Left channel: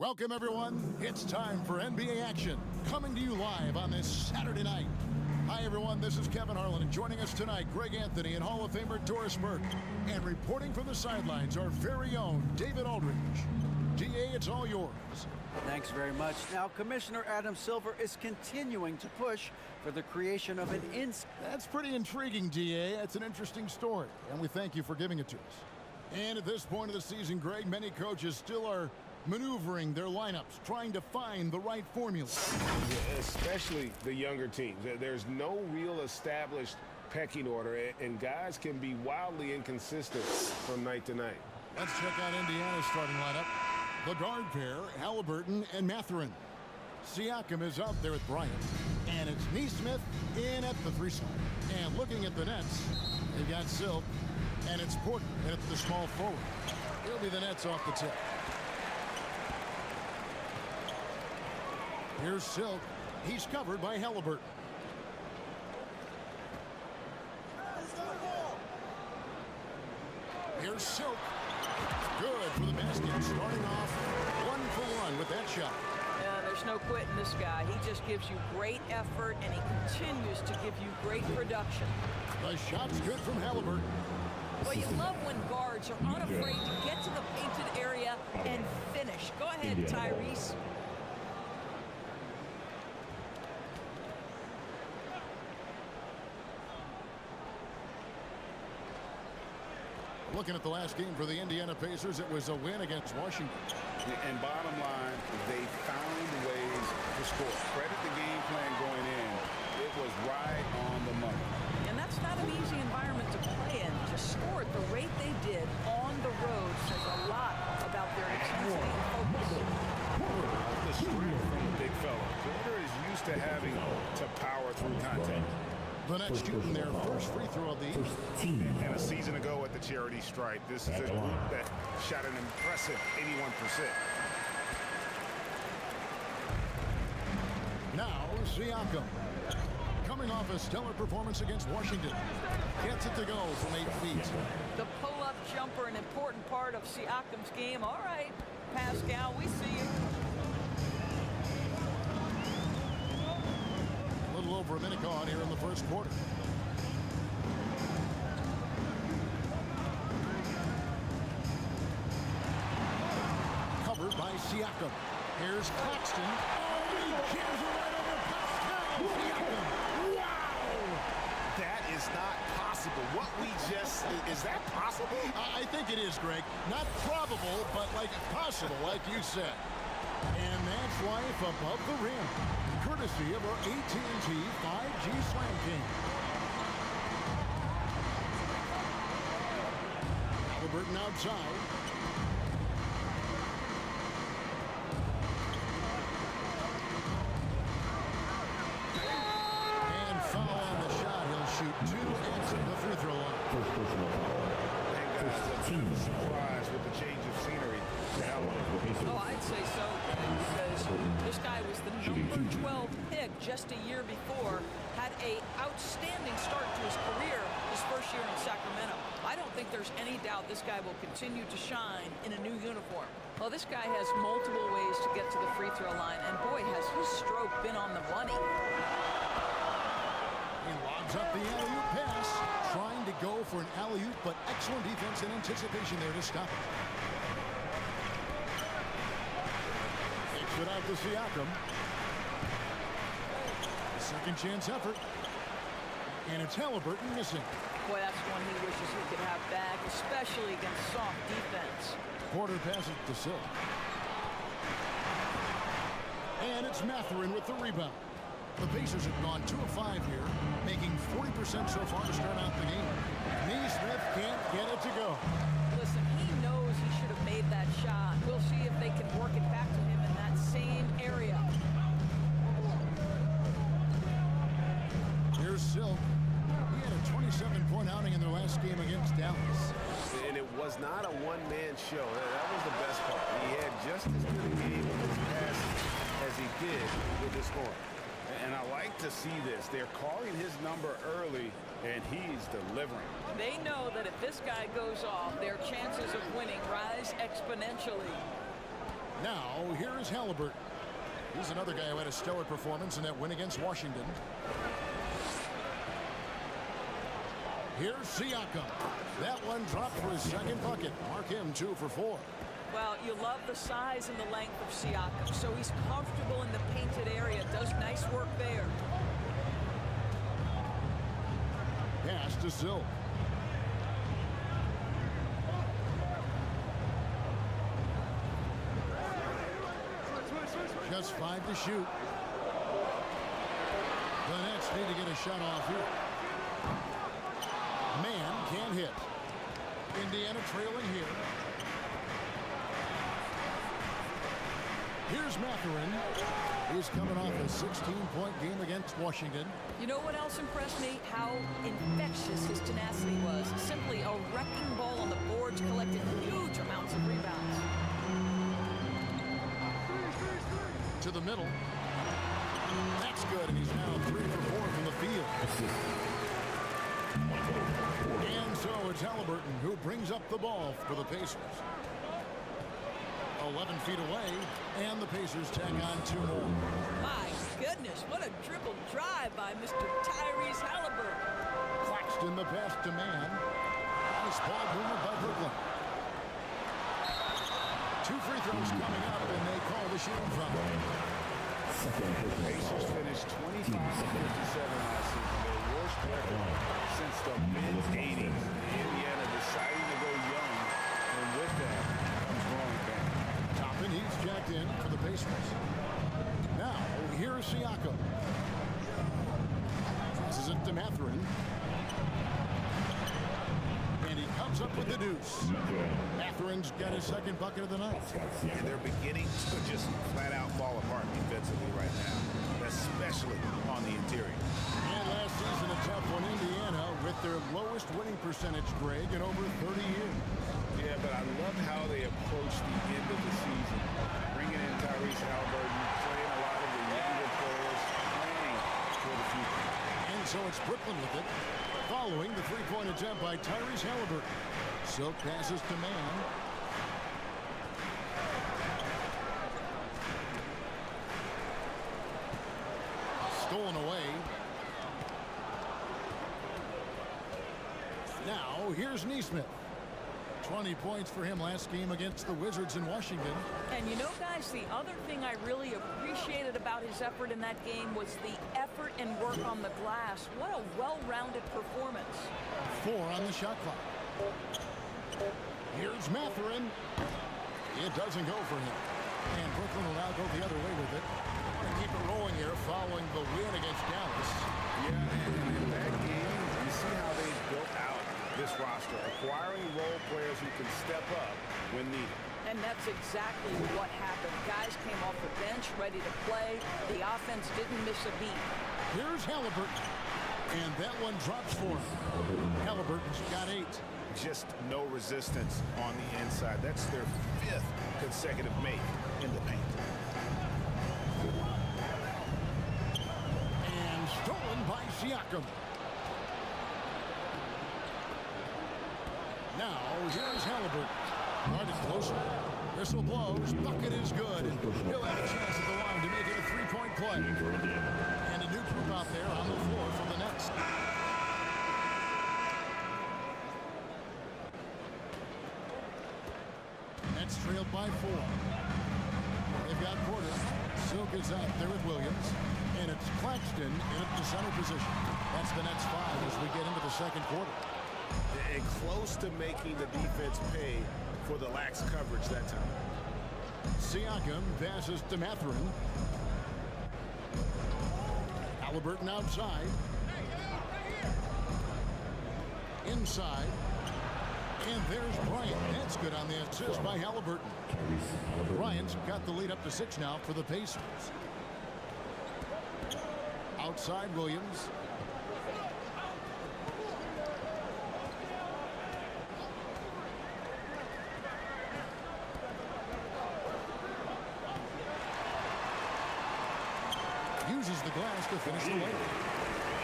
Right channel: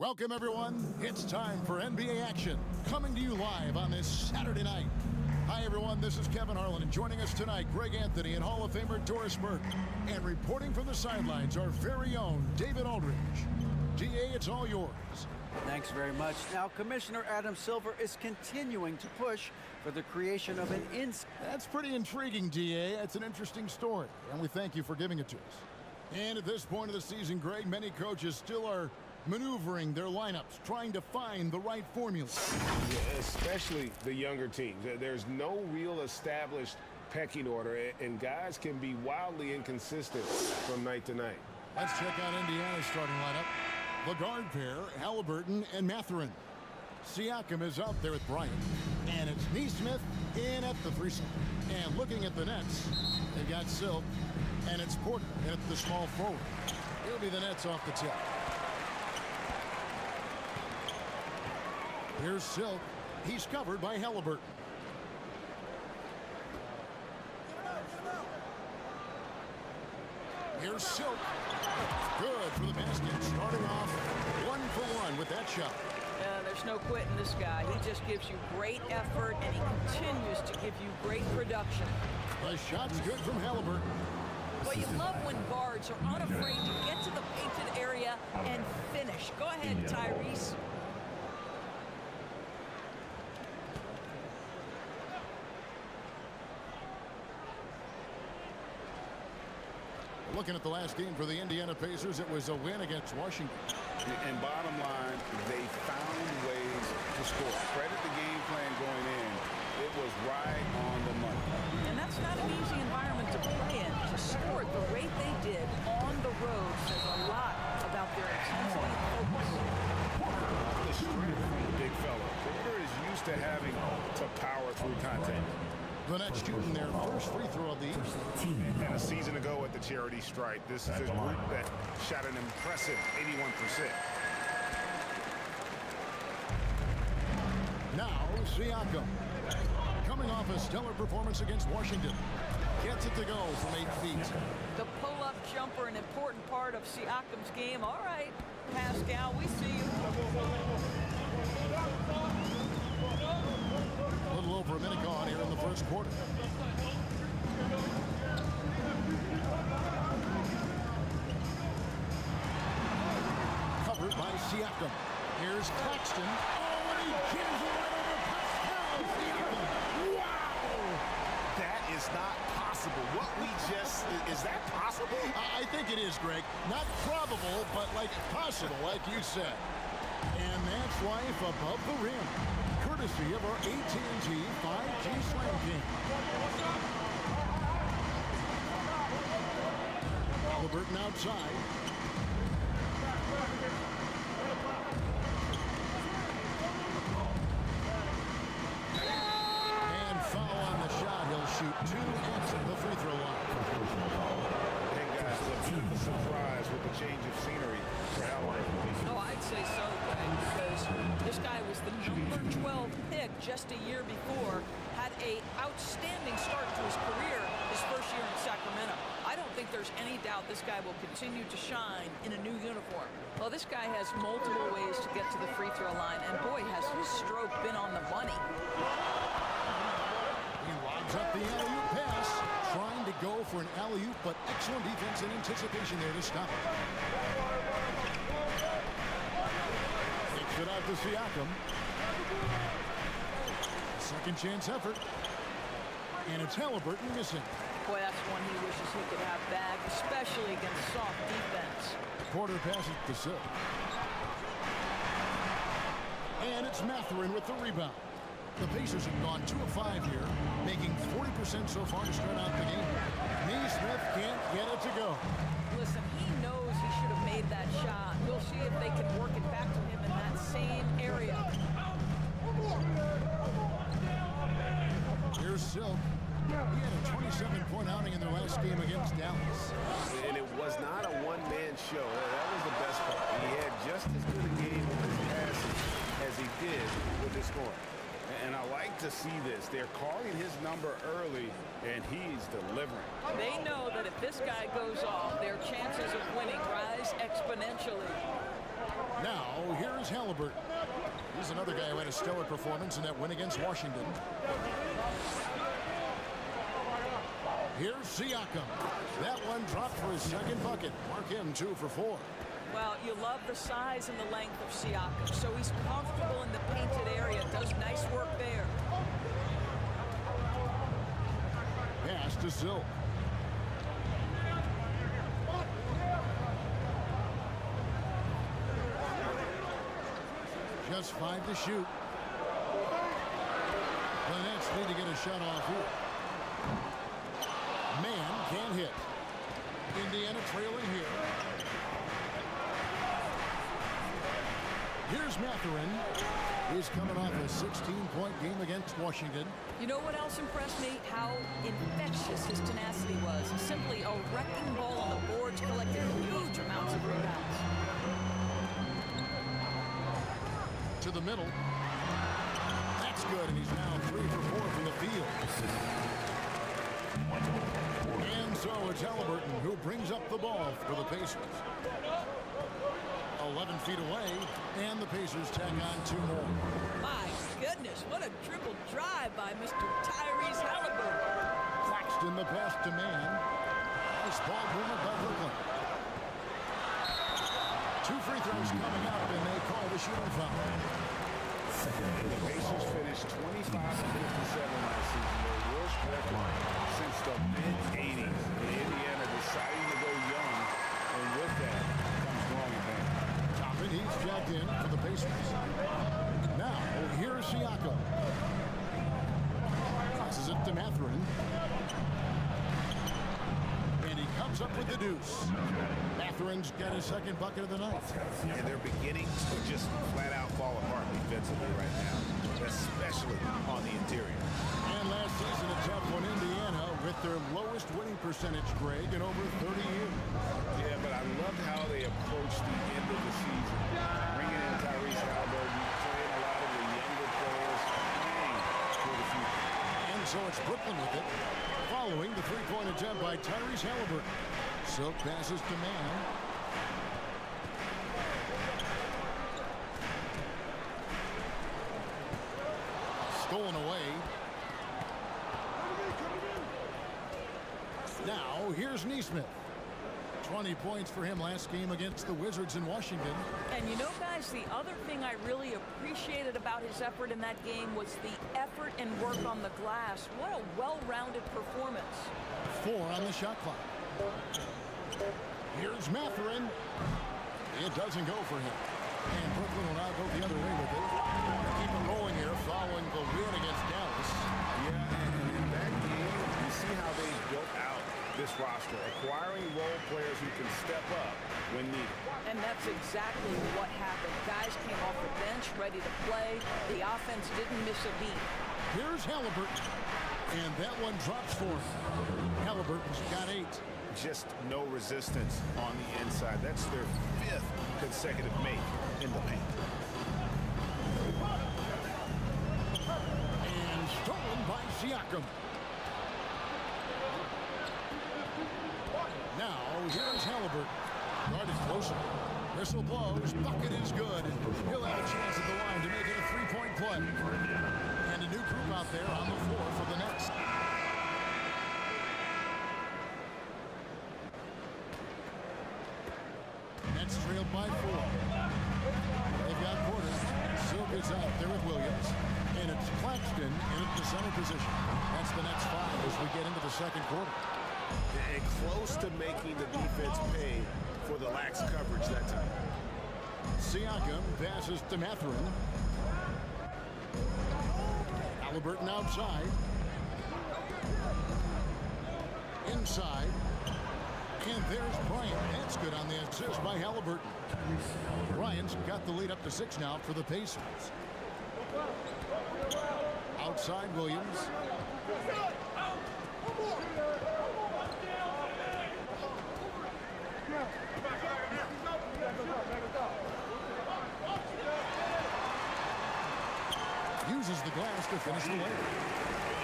Welcome, everyone. It's time for NBA action, coming to you live on this Saturday night. Hi, everyone. This is Kevin Harlan, and joining us tonight, Greg Anthony and Hall of Famer Doris Burke. And reporting from the sidelines, our very own David Aldridge. DA, it's all yours. Thanks very much. Now, Commissioner Adam Silver is continuing to push for the creation of an That's pretty intriguing, DA. It's an interesting story, and we thank you for giving it to us. And at this point of the season, Greg, many coaches still are maneuvering their lineups, trying to find the right formula. Yeah, especially the younger teams. There's no real established pecking order, and guys can be wildly inconsistent from night to night. Let's check out Indiana's starting lineup. The guard pair, Halliburton and Mathurin. Siakam is out there with Bryant. And it's Neesmith in at the 3 slot. And looking at the Nets, they've got Silk, and it's Porter at the small forward. It'll be the Nets off the tip. Here's Silk. He's covered by Halliburton. Here's Silk. Good for the basket. Starting off 1 for 1 with that shot. There's no quitting this guy. He just gives you great effort, and he continues to give you great production. The shot's good from Halliburton. Well, you love when guards are unafraid to get to the painted area and finish. Go ahead, Tyrese. Looking at the last game for the Indiana Pacers, it was a win against Washington. And bottom line, they found ways to score. Credit the game plan going in. It was right on the money. And that's not an easy environment to play in. To score at the rate they did on the road says a lot about their intensity and focus. The strength from the big fella. Porter is used to having to power through contact. The Nets shooting their first free throw of the evening. And a season ago at the charity stripe, this is a group that shot an impressive 81%. Now, Siakam. Coming off a stellar performance against Washington. Gets it to go from 8 feet. The pull-up jumper, an important part of Siakam's game. All right, Pascal, we see you. A little over a minute gone here in the first quarter. Covered by Siakam. Here's Claxton. Oh, and he jams it right over Pascal Siakam. Wow! That is not possible. What we just, is that possible? I think it is, Greg. Not probable, but like possible, like you said. And that's life above the rim. Courtesy of our AT&T 5G Slam King. Halliburton outside. And foul on the shot. He'll shoot 2 at the free throw line. First personal foul. And guys, a bit of a surprise with the change of scenery for Halliburton. Oh, I'd say so, Greg, because this guy was the number 12 pick just a year before, had a outstanding start to his career his first year in Sacramento. I don't think there's any doubt this guy will continue to shine in a new uniform. Well, this guy has multiple ways to get to the free throw line, and boy, has his stroke been on the money. He lobs up the alley-oop pass, trying to go for an alley-oop, but excellent defense and anticipation there to stop it. Takes it out to Siakam. Second chance effort. And it's Halliburton missing. Boy, that's one he wishes he could have back, especially against soft defense. Porter passes to Silk. And it's Mathurin with the rebound. The Pacers have gone 2 of 5 here, making 40% so far to start out the game. Neesmith can't get it to go. Listen, he knows he should have made that shot. We'll see if they can work it back to him in that same area. Here's Silk. He had a 27-point outing in their last game against Dallas. And it was not a one-man show. That was the best part. He had just as good a game with his passing as he did with his scoring. And I like to see this. They're calling his number early, and he's delivering. They know that if this guy goes off, their chances of winning rise exponentially. Now, here's Halliburton. He's another guy who had a stellar performance in that win against Washington. Here's Siakam. That one dropped for his second bucket. Mark him 2 for 4. Well, you love the size and the length of Siakam, so he's comfortable in the painted area, does nice work there. Pass to Silk. Just 5 to shoot. The Nets need to get a shot off here. Man can't hit. Indiana trailing here. Here's Mathurin. He's coming off a 16-point game against Washington. You know what else impressed me? How infectious his tenacity was. Simply a wrecking ball on the boards, collected huge amounts of rebounds. To the middle. That's good, and he's now 3 for 4 from the field. And so it's Halliburton who brings up the ball for the Pacers. 11 feet away, and the Pacers tack on 2 more. My goodness, what a dribble drive by Mr. Tyrese Halliburton. Claxton the pass to Man. Nice ball movement by Brooklyn. 2 free throws coming up, and they call the shooting foul. The Pacers finished 25 and 57 last season, their worst record since the mid-'80s. Indiana deciding to go young, and with that comes growing pain. Toppin, he's jacked in for the Pacers. Now, here's Siakam. Passes it to Mathurin. And he comes up with the deuce. Mathurin's got his second bucket of the night. And they're beginning to just flat-out fall apart defensively right now, especially on the interior. And last season, a tough one, Indiana, with their lowest winning percentage, Greg, in over 30 years. Yeah, but I loved how they approached the end of the season, bringing in Tyrese Halliburton, playing a lot of the younger players, planning for the future. And so it's Brooklyn with it, following the three-point attempt by Tyrese Halliburton. Silk passes to Man. Stolen away. Now, here's Nesmith. 20 points for him last game against the Wizards in Washington. And you know, guys, the other thing I really appreciated about his effort in that game was the effort and work on the glass. What a well-rounded performance. 4 on the shot clock. Here's Mathurin. It doesn't go for him. And Brooklyn will now go the other way with it. They want to keep it rolling here following the win against Dallas. Yeah, and in that game, you see how they built out this roster, acquiring role players who can step up when needed. And that's exactly what happened. Guys came off the bench ready to play. The offense didn't miss a beat. Here's Halliburton. And that one drops for him. Halliburton's got 8. Just no resistance on the inside. That's their 5th consecutive make in the paint. And stolen by Siakam. Now, here's Halliburton. Guarded closer. Whistle blows. Bucket is good. And he'll have a chance at the line to make it a 3-point play. And a new group out there on the floor for the Nets. Nets trailed by 4. They've got Porter. Silk is out there with Williams. And it's Claxton in at the center position. That's the Nets 5 as we get into the second quarter. And close to making the defense pay for the lax coverage that time. Siakam passes to Mathurin. Halliburton outside. Inside. And there's Bryant. That's good on the assist by Halliburton. Bryant's got the lead up to 6 now for the Pacers. Outside Williams. Uses the glass to finish the layup.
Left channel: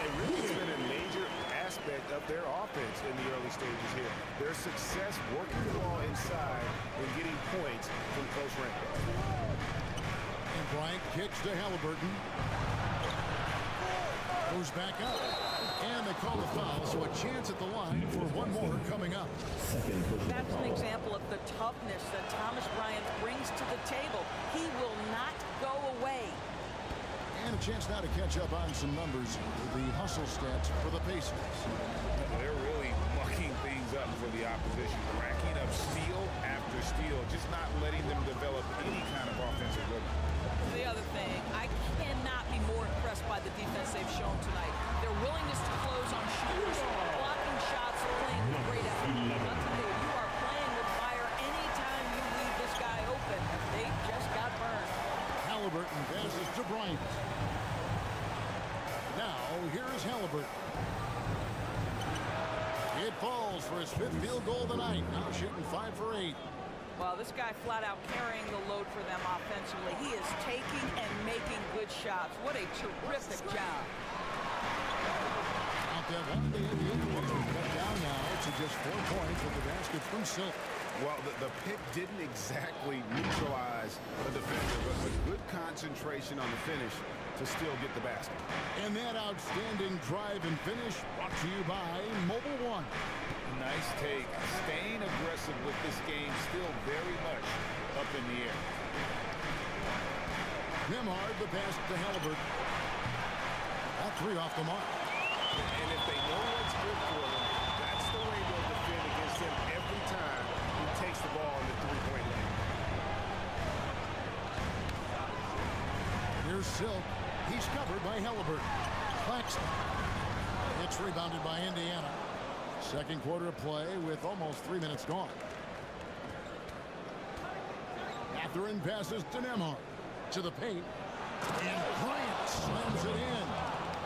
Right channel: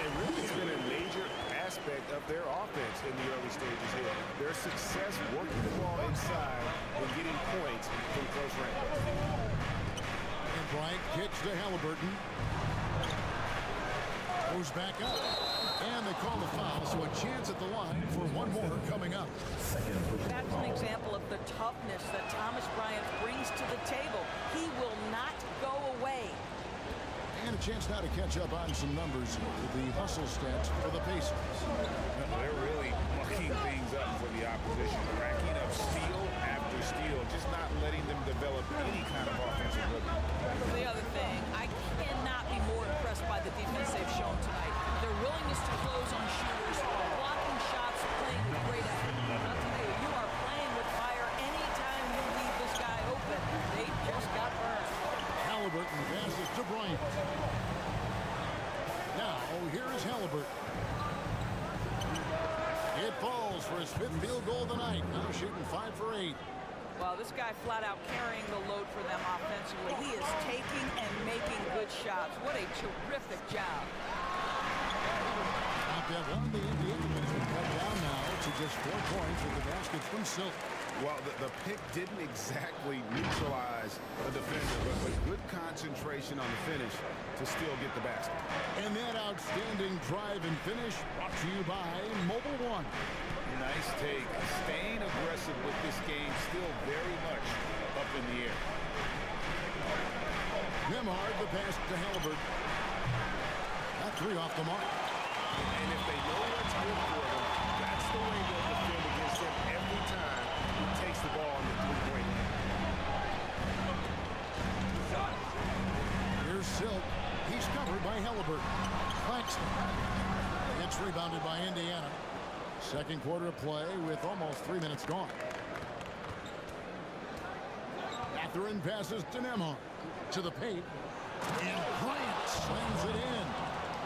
It really has been a major aspect aspect of their offense in the early stages here. Their success working the ball inside and getting points from close range. And Bryant kicks to Halliburton. Goes back up. And they call the foul, so a chance at the line for one more coming up. That's an example of the toughness that Thomas Bryant brings to the table. He will not go away. And a chance now to catch up on some numbers, the hustle stats for the Pacers. They're really mucking things up for the opposition, racking up steal after steal, just not letting them develop any kind of offensive rhythm. The other thing, I cannot be more impressed by the defense they've shown tonight. Their willingness to close on shooters, blocking shots, playing with great effort. I'll tell you, you are playing with fire anytime you leave this guy open. They just got burned. Halliburton passes to Bryant. Now, here is Halliburton. It falls for his 5th field goal of the night. Now shooting 5 for 8. Well, this guy flat out carrying the load for them offensively. He is taking and making good shots. What a terrific job. Out that one, the Indiana has been cut down now to just 4 points with the basket from Silk. Well, the pick didn't exactly neutralize the defender, but good concentration on the finish to still get the basket. And that outstanding drive and finish brought to you by Mobile One. Nice take. Staying aggressive with this game, still very much up in the air. Nemhard, the pass to Halliburton. That 3 off the mark. And if they know what's good for them, that's the way they'll defend against him every time he takes the ball in the three-point line. Here's Silk. He's covered by Halliburton. Claxton. It's rebounded by Indiana. Second quarter of play with almost 3 minutes gone. Catherine passes to Nemhard. To the paint. And Bryant slams it in.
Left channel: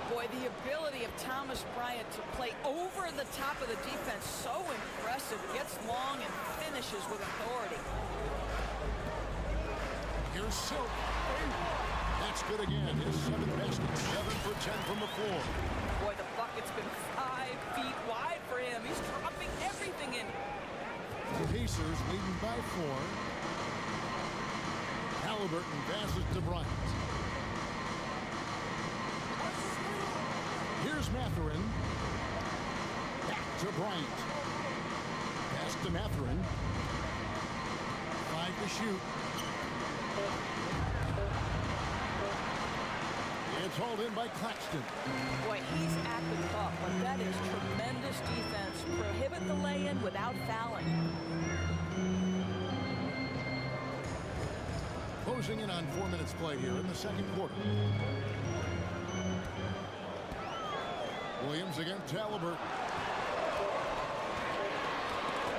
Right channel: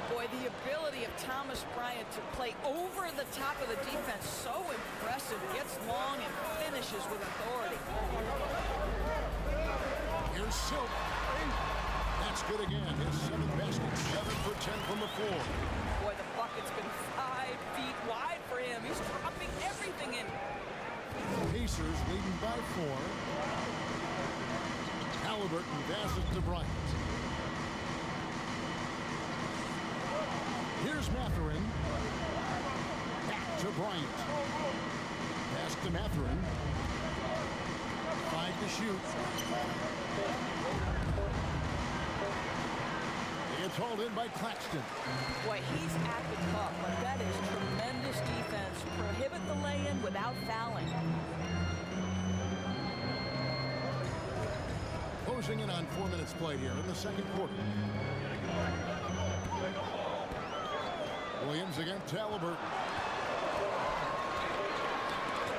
Boy, the ability of Thomas Bryant to play over the top of the defense, so impressive. Gets long and finishes with authority. Here's Silk. That's good again. His 7th basket. 7 for 10 from the floor. Boy, the bucket's been 5 feet wide for him. He's dropping everything in. Pacers leading by 4. Halliburton passes to Bryant. Here's Mathurin. Back to Bryant. Pass to Mathurin. 5 to shoot. It's hauled in by Claxton. Boy, he's at the cup, but that is tremendous defense. Prohibit the lay-in without fouling. Closing in on 4 minutes played here in the second quarter. Williams against Halliburton.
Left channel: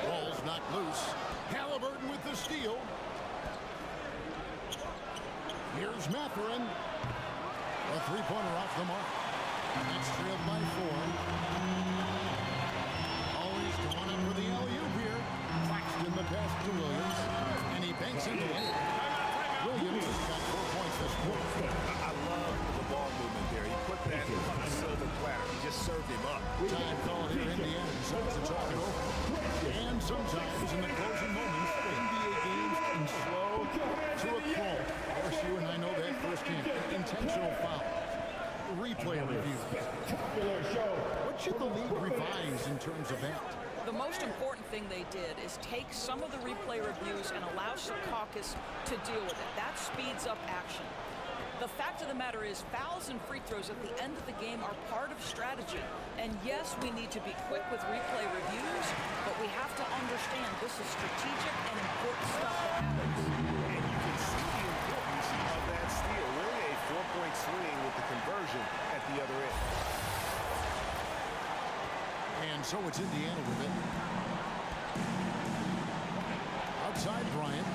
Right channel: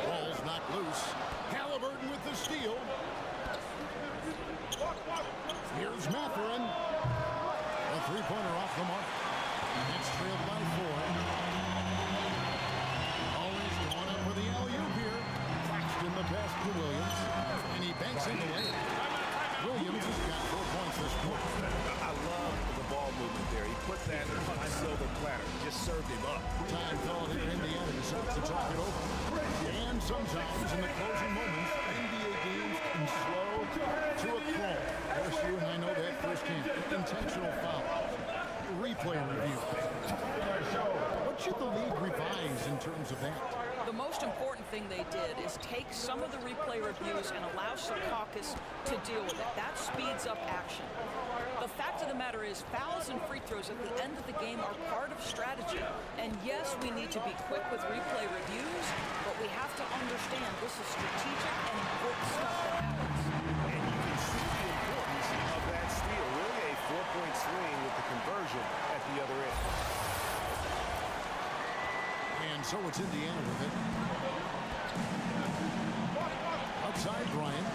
Ball's knocked loose. Halliburton with the steal. Here's Mathurin. A 3-pointer off the mark. It's trailed by 4. Always going up for the alley-oop here. Claxton the pass to Williams. And he banks in the layup. Williams has got 4 points this quarter. I love the ball movement there. He put that on a silver platter. Just served him up. Time called here. Indiana decides to talk it over. And sometimes in the closing moments, NBA games can slow to a crawl. Of course, you and I know that firsthand. Intentional foul. Replay review. What should the league revise in terms of that? The most important thing they did is take some of the replay reviews and allow Secaucus to deal with it. That speeds up action. The fact of the matter is fouls and free throws at the end of the game are part of strategy. And yes, we need to be quick with replay reviews, but we have to understand this is strategic and important stuff that happens. And you can see the importance of that steal. Really a 4-point swing with the conversion at the other end. And so it's Indiana with it. Outside Bryant.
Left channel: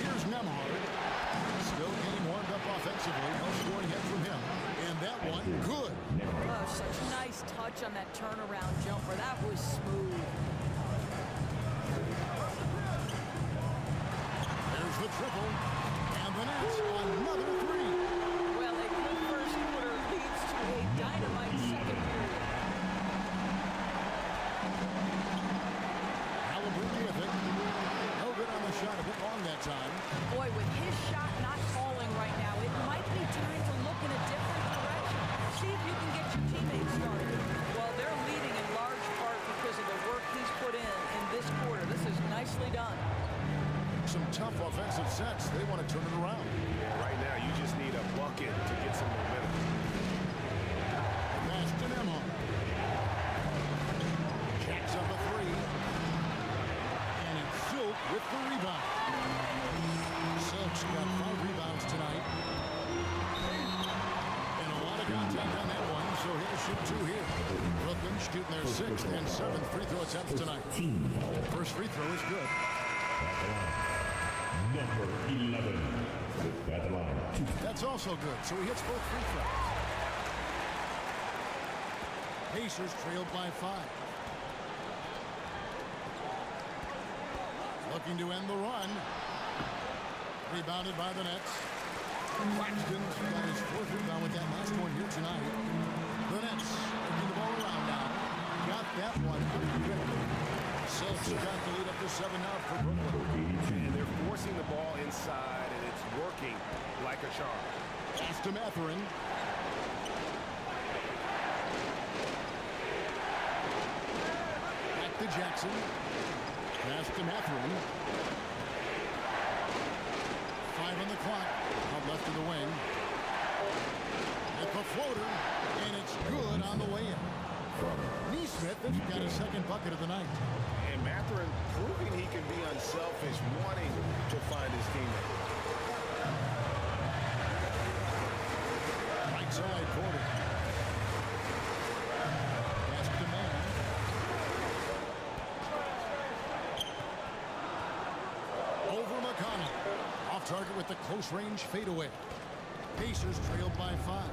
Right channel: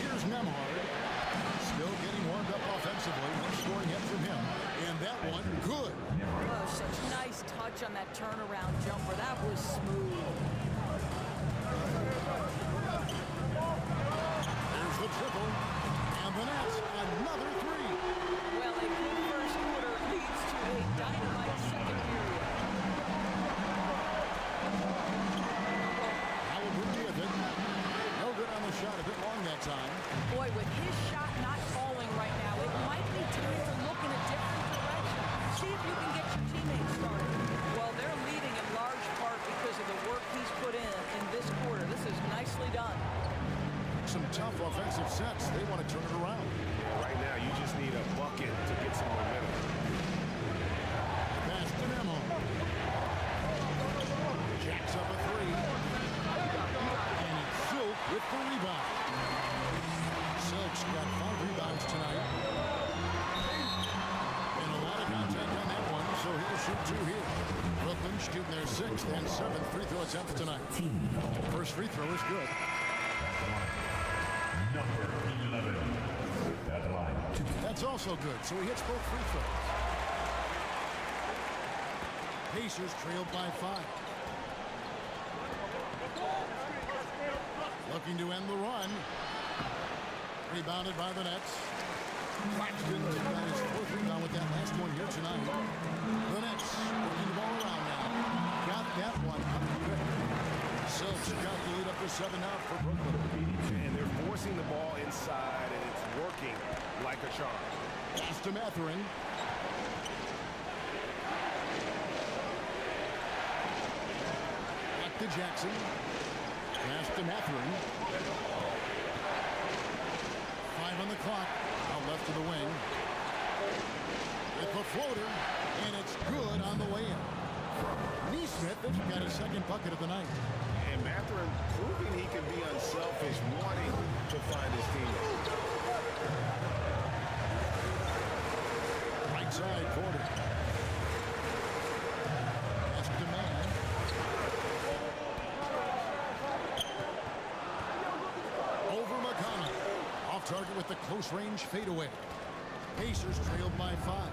Here's Nemhard. Still getting warmed up offensively. No scoring hit from him. And that one, good. Oh, such a nice touch on that turnaround jumper. That was smooth. There's the triple. And the Nets, another 3. Well, a good first quarter leads to dynamite second period. Halliburton with it. No good on the shot. A bit long that time. Boy, with his shot not falling right now, it might be time to look in a different direction. See if you can get your teammates started. Well, they're leading in large part because of the work he's put in this quarter. This is nicely done. Some tough offensive sets. They want to turn it around. Yeah, right now you just need a bucket to get some momentum. The pass to Memo. Jacks up a three. And it's Silk with the rebound. Silk's got 5 rebounds tonight. And a lot of contact on that one, so he'll shoot 2 here. Brooklyn shooting their 6th and 7th free throw attempts tonight. First free throw is good. Number 11. At the line. That's also good, so he hits both free throws. Pacers trailed by 5. Looking to end the run. Rebounded by the Nets. Claxton's got his 4th rebound with that last one here tonight. The Nets working the ball around now. Got that one up quick. Silk's got the lead up to 7 out for Brooklyn. And they're forcing the ball inside, and it's working like a charm. Pass to Mathurin. Back to Jackson. Pass to Mathurin. 5 on the clock. Out left to the wing. With the floater, and it's good on the way in. Neesmith has got his 2nd bucket of the night. And Mathurin proving he can be unselfish, wanting to find his teammate. Right side quarter. Pass to Man. Over McConnell. Off target with the close range fadeaway. Pacers trailed by 5.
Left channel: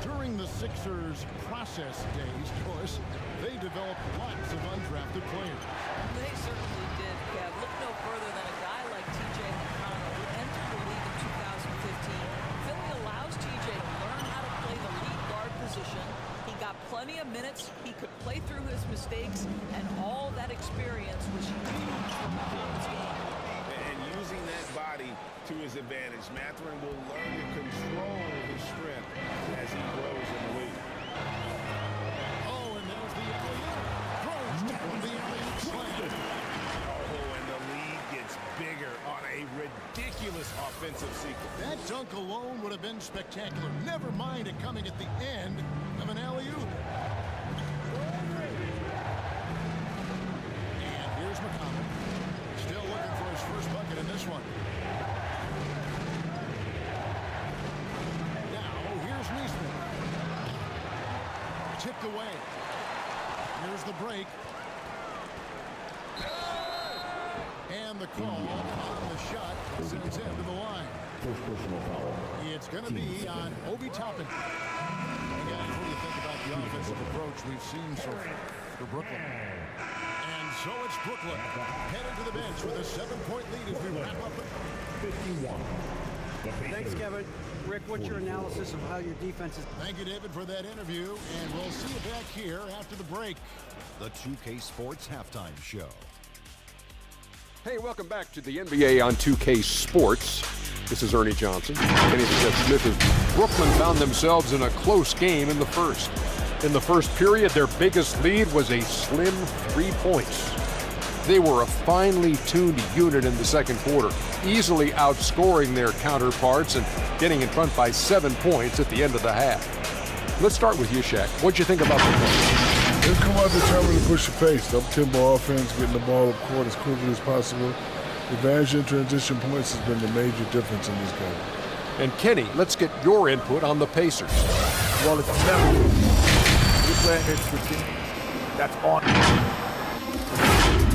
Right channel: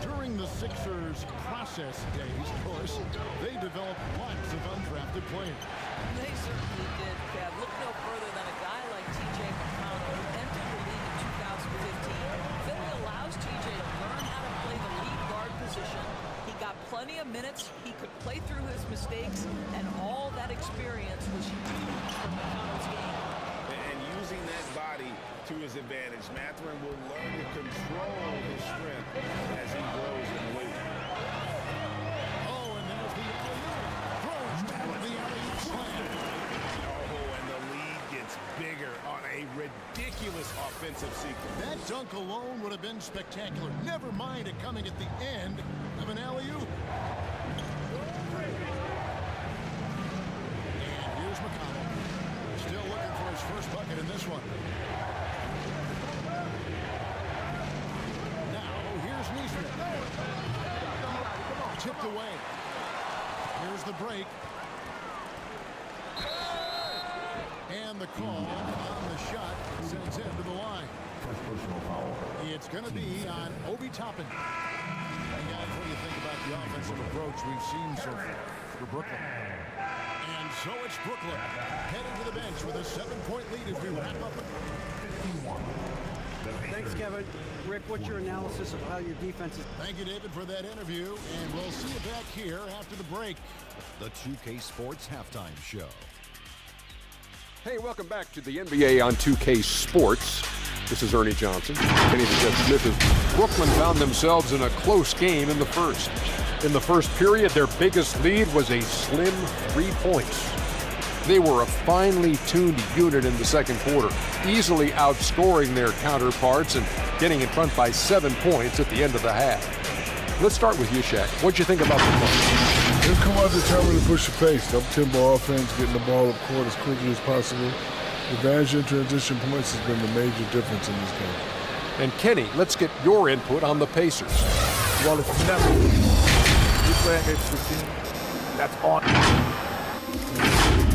During the Sixers' process days, of course, they developed lots of undrafted players. They certainly did, Kev. Look no further than a guy like T.J. McConnell, who entered the league in 2015. Philly allows T.J. to learn how to play the lead guard position. He got plenty of minutes. He could play through his mistakes, and all that experience was huge for McConnell's game. And using that body to his advantage, Mathurin will learn to control his strength as he grows in the league. Oh, and there's the alley-oop. Throws down the alley-oop slam. Oh, and the lead gets bigger on a ridiculous offensive sequence. That dunk alone would have been spectacular. Never mind it coming at the end of an alley-oop. And here's McConnell. Still looking for his first bucket in this one. Now, here's Neesmith. Tipped away. Here's the break. And the call on the shot sends him to the line. First personal foul. It's going to be on Obi Toppin. And guys, what do you think about the offensive approach we've seen so far for Brooklyn? And so it's Brooklyn heading to the bench with a 7-point lead as we wrap up. 51. Thanks, Kevin. Rick, what's your analysis of how your defense is? Thank you, David, for that interview, and we'll see you back here after the break. The 2K Sports Halftime Show. Hey, welcome back to the NBA on 2K Sports. This is Ernie Johnson. Kenny the Jet Smith as Brooklyn found themselves in a close game in the first. In the first period, their biggest lead was a slim 3 points. They were a finely tuned unit in the second quarter, easily outscoring their counterparts and getting in front by 7 points at the end of the half. Let's start with you, Shaq. What'd you think about the play? They've come out determined to push the pace. Up-tempo offense, getting the ball up court as quickly as possible. The advantage in transition points has been the major difference in this game. And Kenny, let's get your input on the Pacers. Well, it's never. You're playing against the team that's on.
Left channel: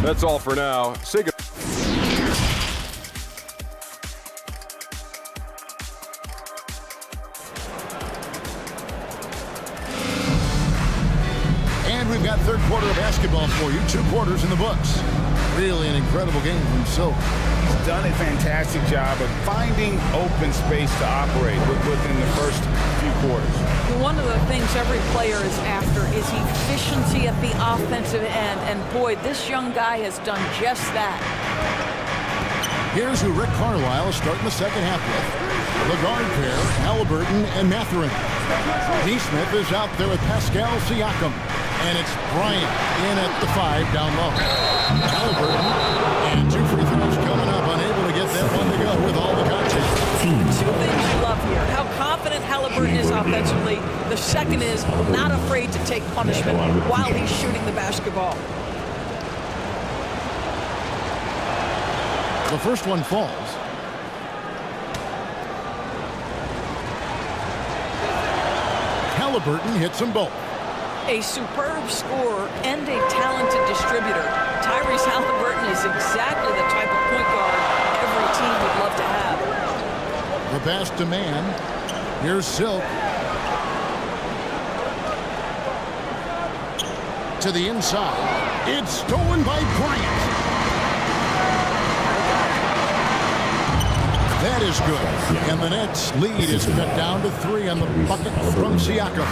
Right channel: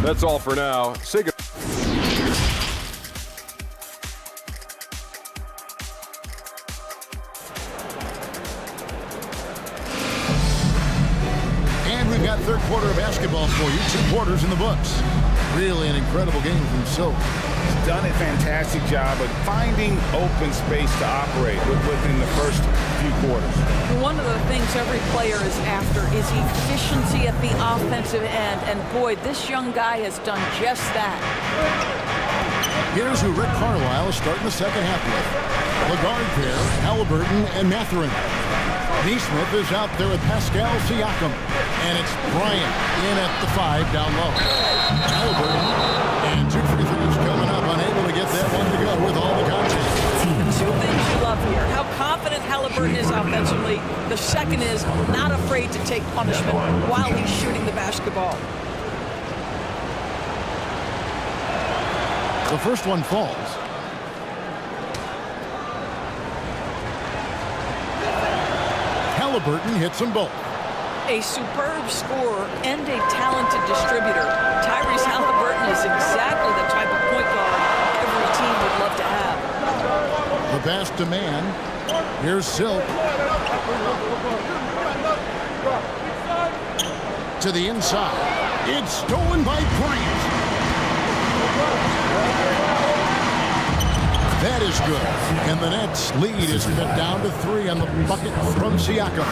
That's all for now. Say good. And we've got third quarter of basketball for you. 2 quarters in the books. Really an incredible game from Silk. He's done a fantastic job of finding open space to operate within the first few quarters. One of the things every player is after is efficiency at the offensive end. And boy, this young guy has done just that. Here's who Rick Carlisle is starting the second half with. The guard pair, Halliburton and Mathurin. Neesmith is out there with Pascal Siakam. And it's Bryant in at the 5 down low. Halliburton and 2 free throws coming up, unable to get that one to go with all the contact. Two things you love here. How confident Halliburton is offensively. The second is not afraid to take punishment while he's shooting the basketball. The first one falls. Halliburton hits them both. A superb scorer and a talented distributor. Tyrese Halliburton is exactly the type of point guard every team would love to have. The pass to man. Here's Silk. To the inside. It's stolen by Bryant. That is good. And the Nets' lead is cut down to 3 on the bucket from Siakam.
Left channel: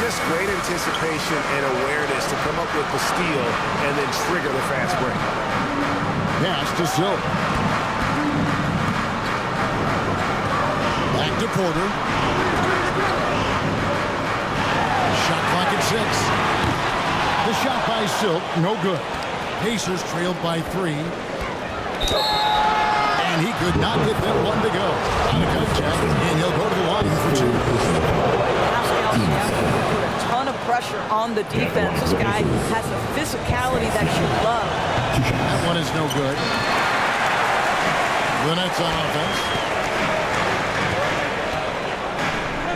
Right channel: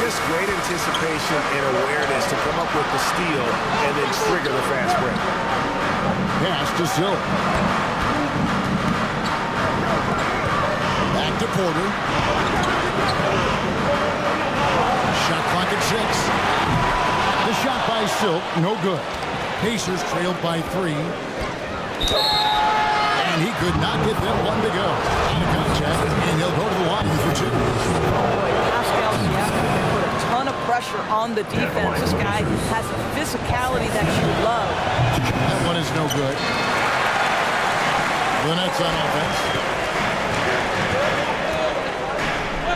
Just great anticipation and awareness to come up with the steal and then trigger the fast break. Pass to Silk. Back to Porter. Shot clock at 6. The shot by Silk, no good. Pacers trailed by 3. And he could not get that one to go. Out of contact, and he'll go to the line for 2. Boy, Pascal Siakam can put a ton of pressure on the defense. This guy has a physicality that you love. That one is no good. The Nets on offense.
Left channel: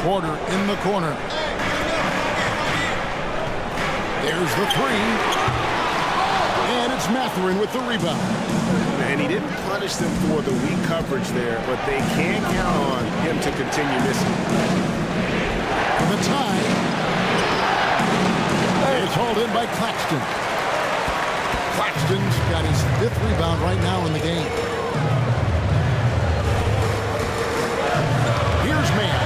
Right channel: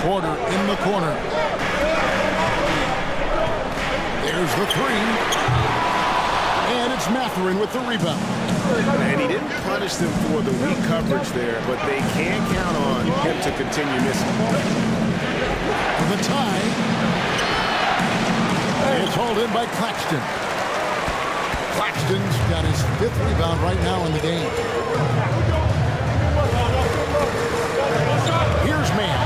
Porter in the corner. There's the 3. And it's Mathurin with the rebound. And he didn't punish them for the weak coverage there, but they can't count on him to continue missing. For the tie. It's hauled in by Claxton. Claxton's got his 5th rebound right now in the game. Here's man,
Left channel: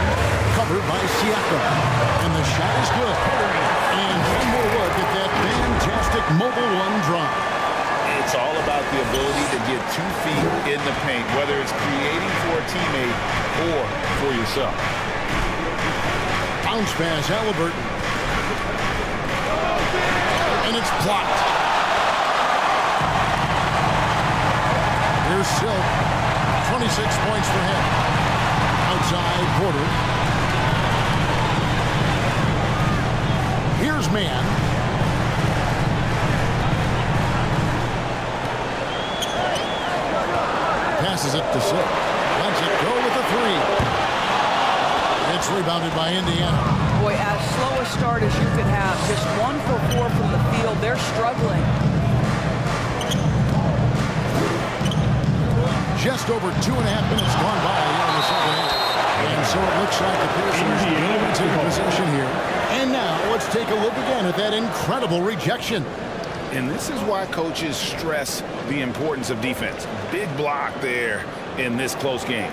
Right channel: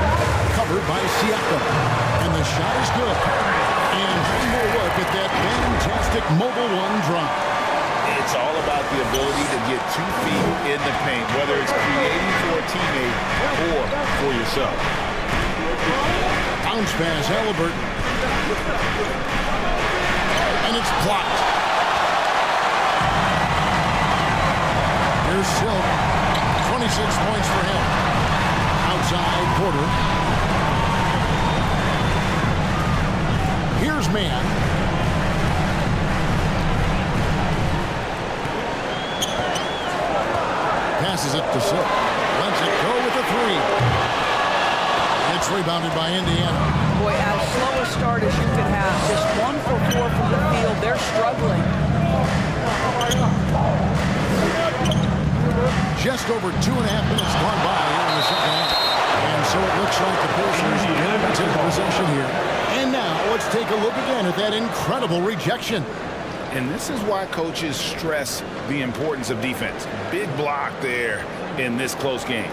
covered by Siakam. And the shot is good. And one more look at that fantastic mobile 1 drop. It's all about the ability to get 2 feet in the paint, whether it's creating for a teammate or for yourself. Bounce pass, Halliburton. And it's blocked. Here's Silk. 26 points for him. Outside, Porter. Here's man. Passes it to Silk. Lets it go with a 3. It's rebounded by Indiana. Boy, as slow a start as you could have. Just 1 for 4 from the field. They're struggling. Just over 2.5 minutes gone by here in the second half. And so it looks like the Pacers will retain possession here. And now let's take a look again at that incredible rejection. And this is why coaches stress the importance of defense. Big block there in this close game.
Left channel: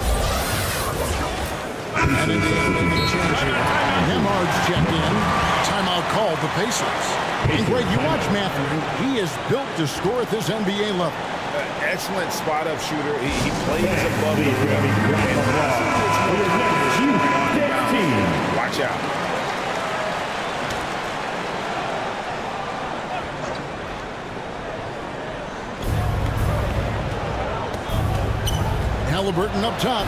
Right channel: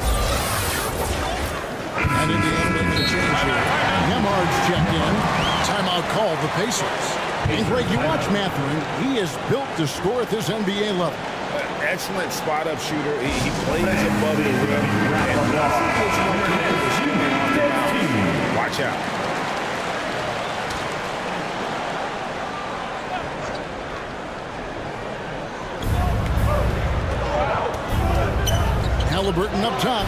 And Indiana making a change here. Nemhard's checked in. Timeout called the Pacers. And Greg, you watch Mathurin. He is built to score at this NBA level. Excellent spot-up shooter. He plays above the rim. And once he gets more comfortable scoring off the bounce, watch out. Halliburton up top.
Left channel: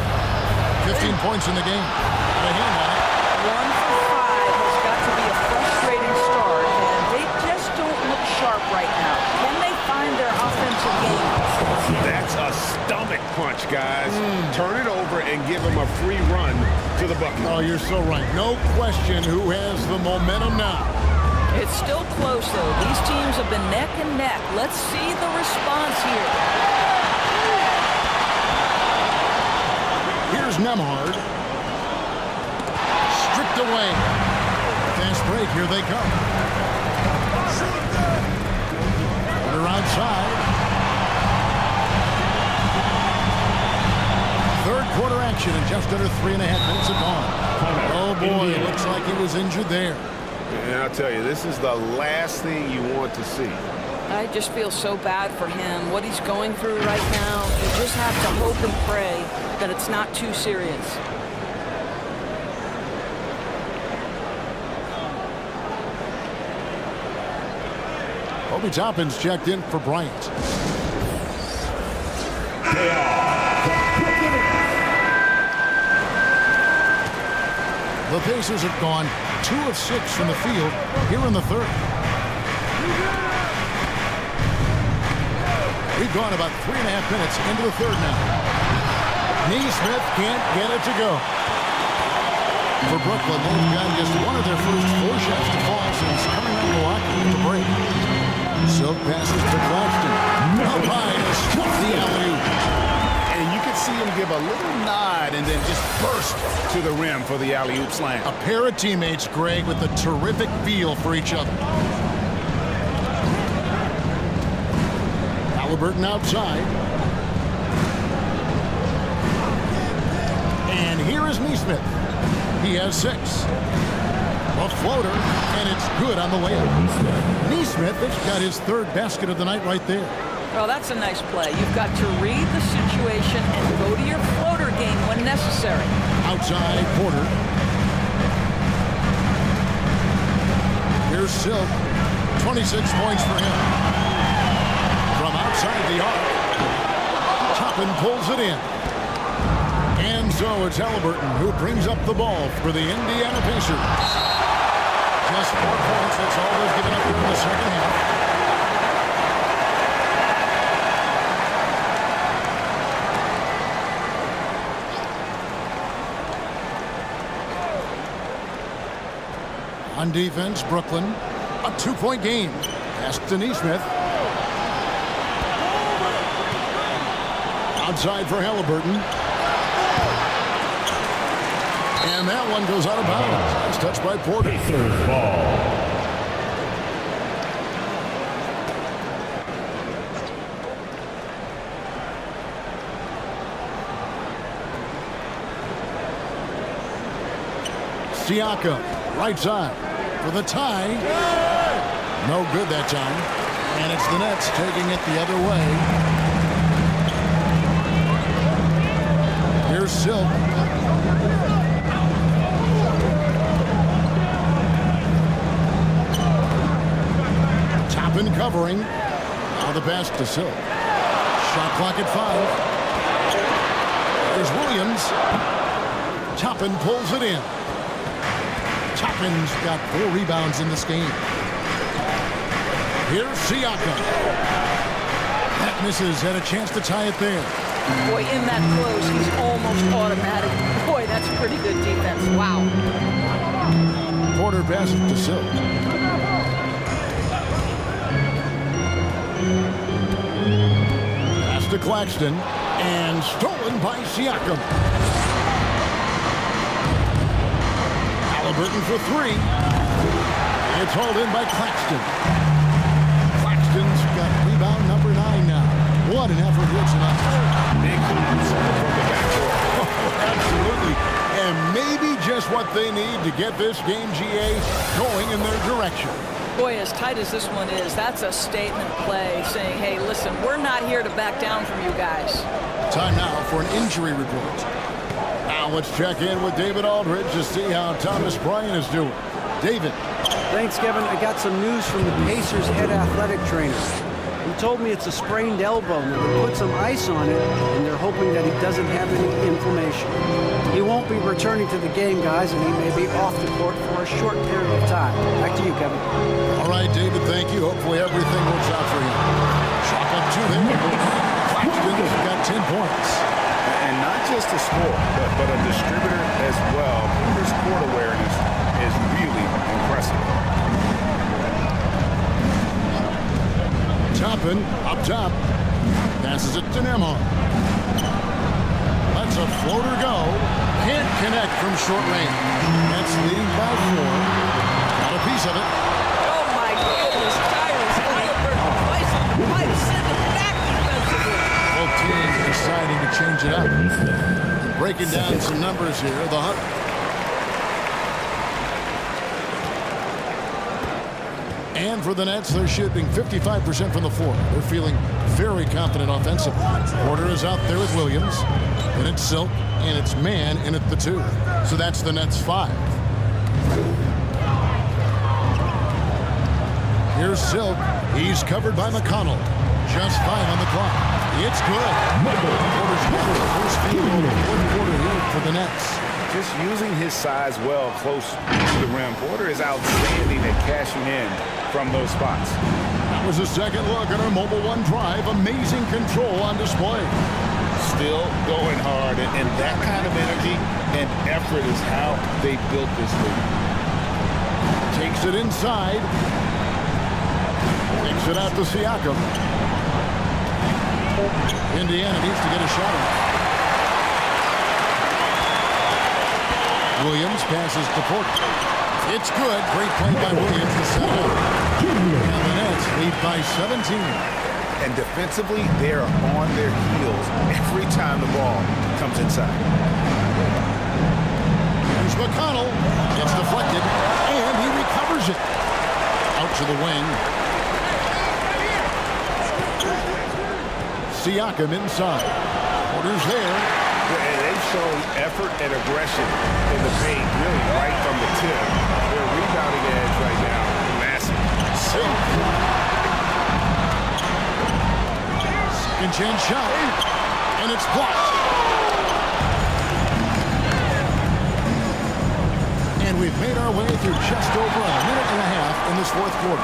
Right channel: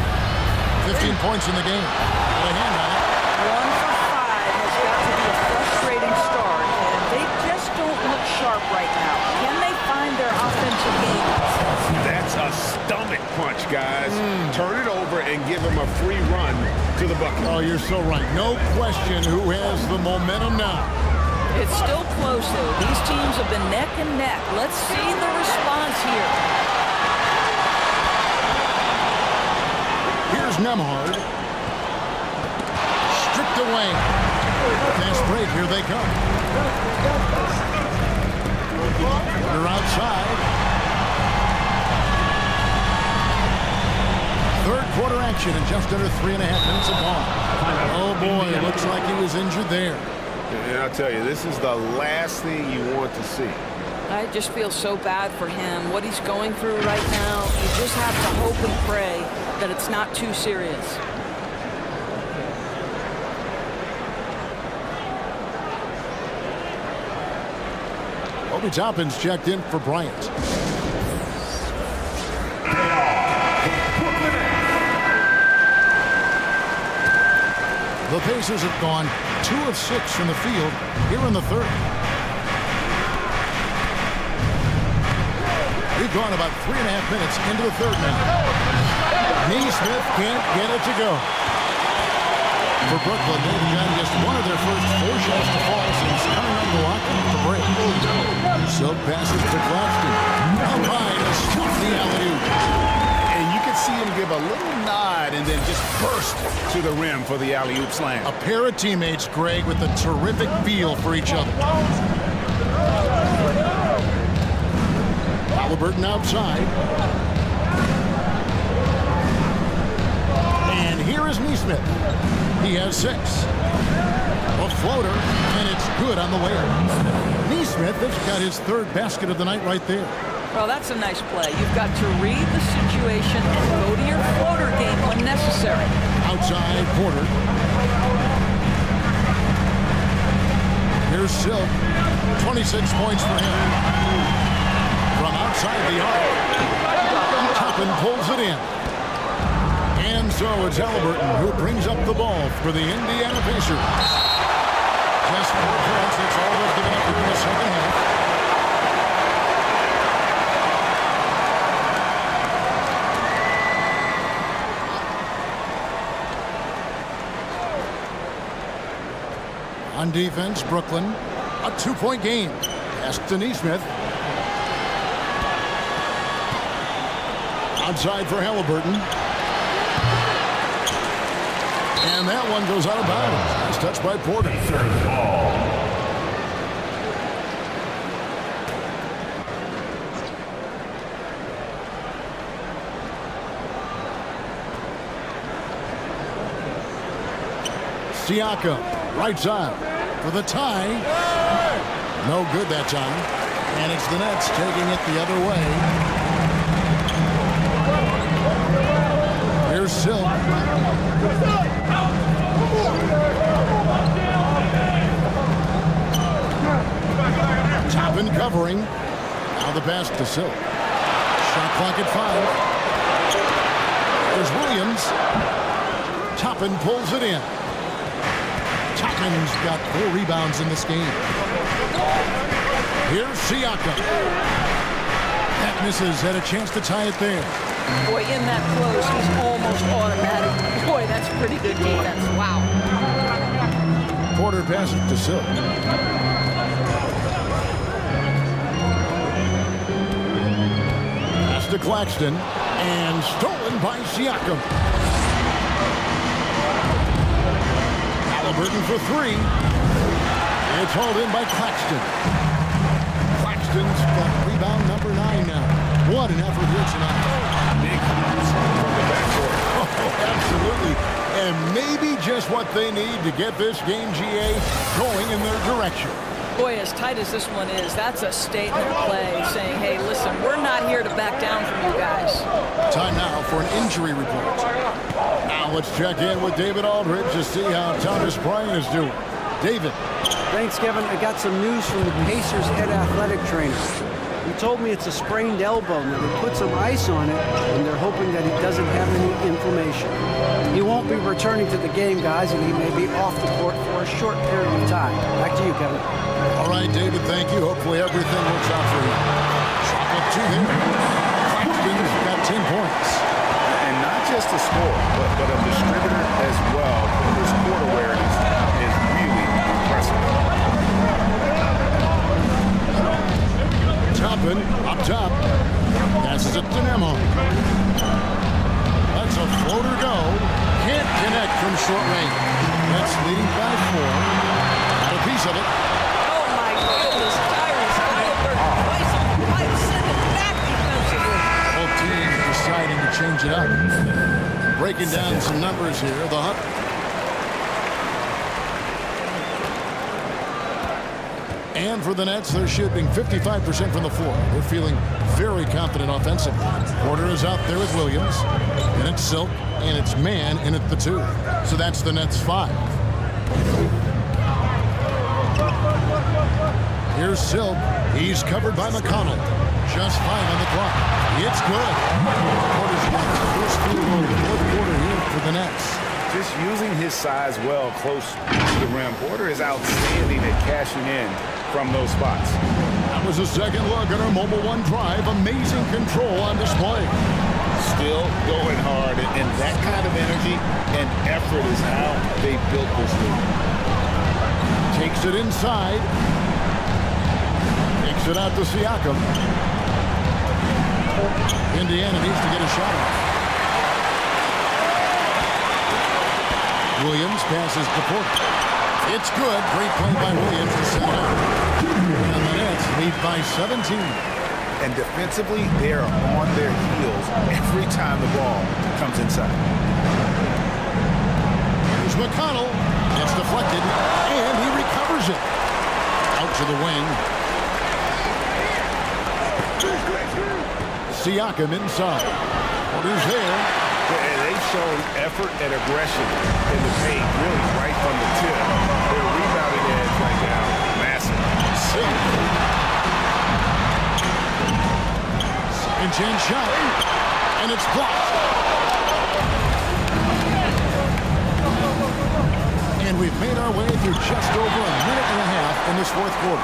15 points in the game. Got a hand on it. 1 for 5 has got to be a frustrating start, and they just don't look sharp right now. Can they find their offensive game? That's a stomach punch, guys. Turn it over and give him a free run to the bucket. Oh, you're so right. No question who has the momentum now. It's still close, though. These teams have been neck and neck. Let's see the response here. Here's Nemhard. Stripped away. Fast break, here they come. They're outside. Third quarter action in just under 3.5 minutes have gone. Oh boy, it looks like he was injured there. And I'll tell you, this is the last thing you want to see. I just feel so bad for him, what he's going through right now. You just have to hope and pray that it's not too serious. Obi Toppin's checked in for Bryant. They are the Brooklyn Nets. The Pacers have gone 2 of 6 from the field here in the third. We've gone about 3.5 minutes into the third now. Neesmith can't get it to go. For Brooklyn, they've gotten just one of their first 4 shots to fall since coming out of the locker room to break. Silk passes to Claxton. Up high to stuff the alley-oop. And you can see him give a little nod and then just burst to the rim for the alley-oop slam. A pair of teammates, Greg, with a terrific feel for each other. Halliburton outside. And here is Neesmith. He has 6. A floater, and it's good on the way up. Neesmith has got his 3rd basket of the night right there. Well, that's a nice play. You've got to read the situation and go to your floater game when necessary. Outside, Porter. Here's Silk. 26 points for him. From outside the arc, Toppin pulls it in. And so it's Halliburton who brings up the ball for the Indiana Pacers. Just 4 points, that's all they've given up here in the second half. On defense, Brooklyn, a 2-point game. Pass to Neesmith. Outside for Halliburton. And that one goes out of bounds. Nice touch by Porter. Pacers ball. Siakam, right side for the tie. No good that time. And it's the Nets taking it the other way. Here's Silk. Toppin covering. Now the pass to Silk. Shot clock at 5. There's Williams. Toppin pulls it in. Toppin's got 4 rebounds in this game. Here's Siakam. That misses. Had a chance to tie it there. Boy, in that close, he's almost automatic. Boy, that's pretty good defense. Wow. Porter passes to Silk. Pass to Claxton. And stolen by Siakam. Halliburton for 3. It's hauled in by Claxton. Claxton's got rebound number 9 now. What an effort here tonight. Big hops from the backcourt. Oh, absolutely. And maybe just what they need to get this game, GA, going in their direction. Boy, as tight as this one is, that's a statement play saying, hey, listen, we're not here to back down from you guys. Time now for an injury report. Now let's check in with David Aldridge to see how Thomas Bryant is doing. David. Thanks, Kevin. I got some news from the Pacers head athletic trainer. He told me it's a sprained elbow. Now, they put some ice on it, and they're hoping that he doesn't have any inflammation. He won't be returning to the game, guys, and he may be off the court for a short period of time. Back to you, Kevin. All right, David, thank you. Hopefully everything works out for him. Chalk up 2 there. Claxton's got 10 points. And not just a scorer, but a distributor as well. Porter's court awareness is really impressive. Toppin up top. Passes it to Nemo. Lets a floater go. Can't connect from short range. Nets leading by 4. Got a piece of it. Oh, my goodness. Tyrese Halliburton twice on the pipe. Send it back defensively. Both teams deciding to change it up. Breaking down some numbers here. The Hunt. And for the Nets, they're shooting 55% from the floor. They're feeling very confident offensively. Porter is out there with Williams. And it's Silk. And it's Man in at the 2. So that's the Nets 5. Here's Silk. He's covered by McConnell. Just 5 on the clock. It's good. Porter's got his first field goal in the fourth quarter here for the Nets. Just using his size well close to the rim. Porter is outstanding at cashing in from those spots. That was a second look at our Mobile One drive. Amazing control on display. Still going hard, and that kind of energy and effort is how they built this league. Takes it inside. Takes it out to Siakam. Indiana needs to get a shot off. Williams passes to Porter. It's good. Great play by Williams to set it up. And the Nets lead by 17. And defensively, they are on their heels every time the ball comes inside. Here's McConnell. It's deflected, and he recovers it. Out to the wing. Siakam inside. Porter's there. And they've shown effort and aggression in the paint, really right from the tip. Their rebounding edge right now, massive. Silk. Second chance shot. And it's blocked. And we've made our way through just over a minute and a half in this fourth quarter.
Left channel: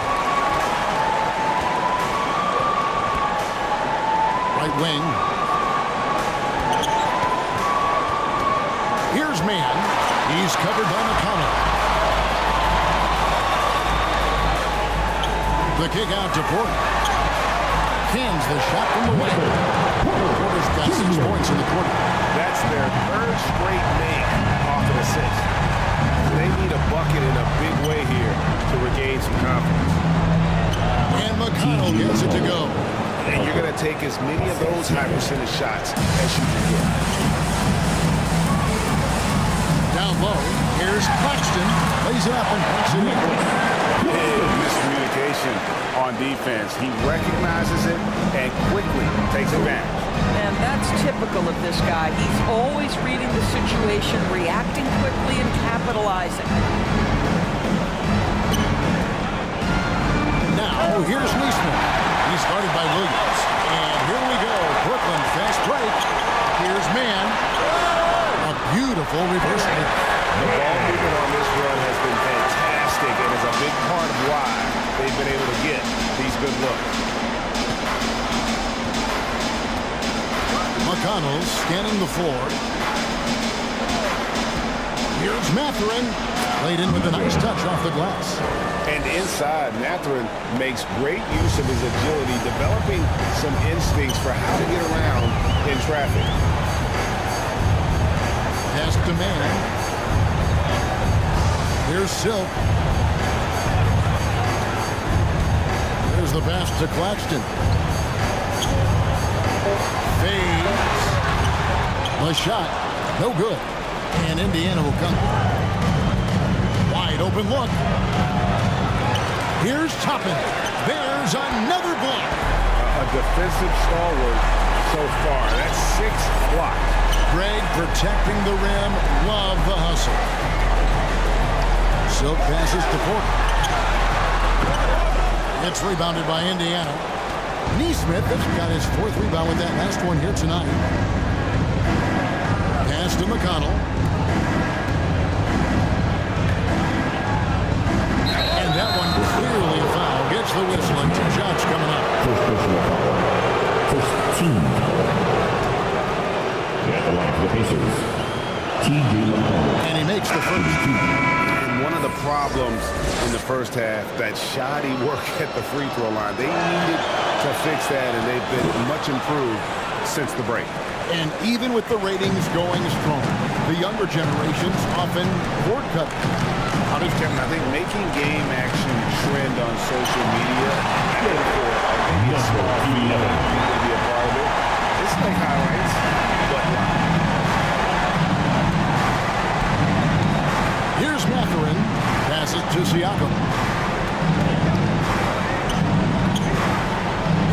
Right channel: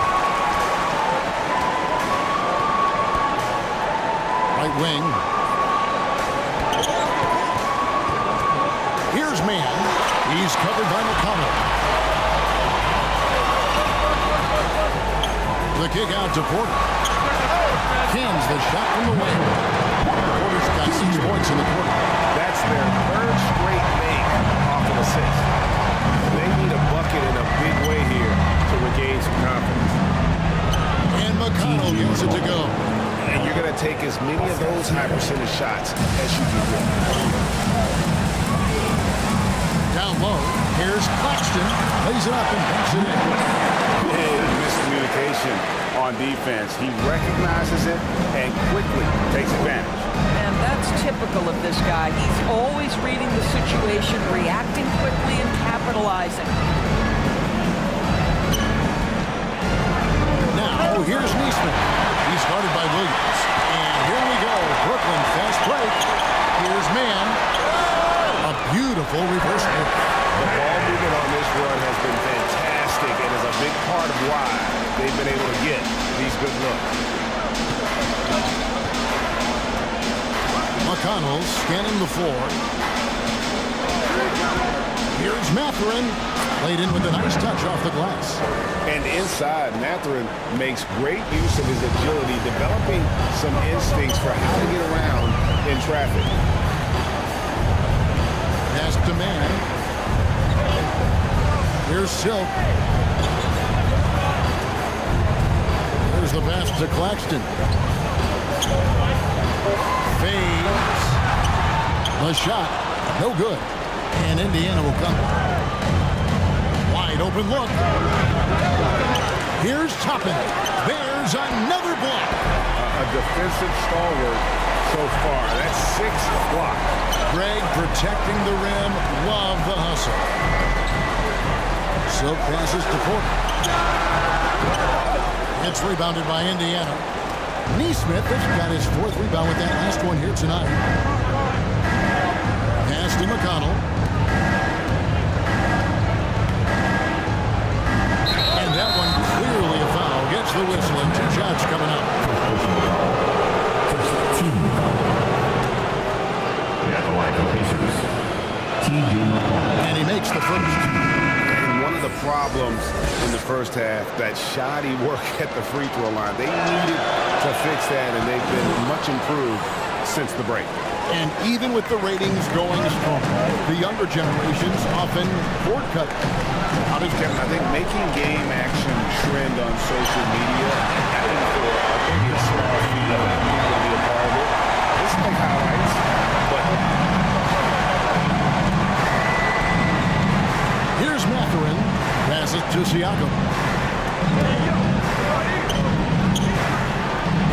Right wing. Here's Man. He's covered by McConnell. The kick out to Porter. Cans the shot from the wing. Porter's got 6 points in the quarter. That's their third straight make off an assist. They need a bucket in a big way here to regain some confidence. And McConnell gets it to go. And you're going to take as many of those high percentage shots as you can get. Down low, here's Claxton. Lays it up and banks it in. Big miscommunication on defense. He recognizes it and quickly takes advantage. And that's typical of this guy. He's always reading the situation, reacting quickly, and capitalizing. Now, here's Neesmith. He's guarded by Williams. And here we go. Brooklyn fast break. Here's Man. A beautiful reverse hit. The ball movement on this run has been fantastic and is a big part of why they've been able to get these good looks. McConnell scanning the floor. Here's Mathurin. Laid in with a nice touch off the glass. And inside, Mathurin makes great use of his agility, developing some instincts for how to get around in traffic. Pass to Man. Here's Silk. There's the pass to Claxton. Fades. The shot. No good. And Indiana will come. Wide open look. Here's Toppin. There's another block. A defensive stalwart so far. That's 6 blocks. Greg protecting the rim. Love the hustle. Silk passes to Porter. It's rebounded by Indiana. Neesmith has got his 4th rebound with that last one here tonight. Pass to McConnell. And that one clearly a foul. Gets the whistle and 2 shots coming up. First personal foul. First team foul. At the line for the Pacers, T.J. McConnell. And he makes the first. And one of the problems in the first half, that shoddy work at the free throw line. They needed to fix that, and they've been much improved since the break. And even with the ratings going strong, the younger generations often cord cut. How does Kevin, I think making game action trend on social media and for maybe a small fee, allow people to be a part of it. It's like highlights, but live. Here's Mathurin. Passes to Siakam.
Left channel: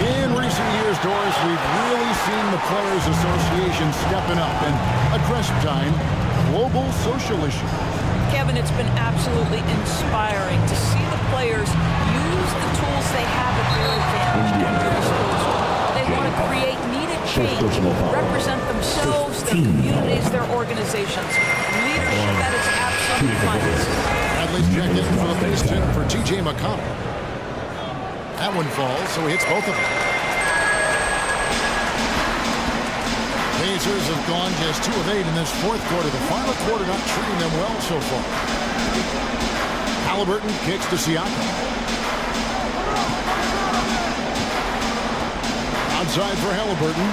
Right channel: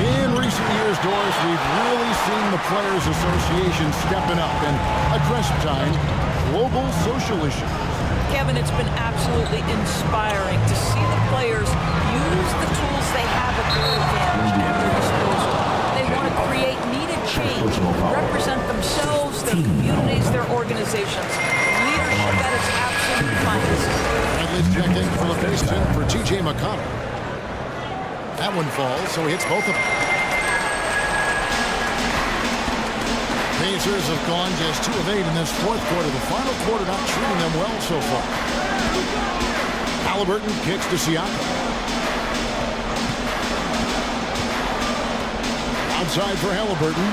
In recent years, Doris, we've really seen the Players Association stepping up and addressing global social issues. Kevin, it's been absolutely inspiring to see the players use the tools they have at their advantage and their disposal. They want to create needed change, represent themselves, their communities, their organizations. Leadership at its absolute finest. Bradley's checked in for the face in for T.J. McConnell. That one falls, so he hits both of them. Pacers have gone just 2 of 8 in this fourth quarter. The final quarter not treating them well so far. Halliburton kicks to Siakam. Outside for Halliburton.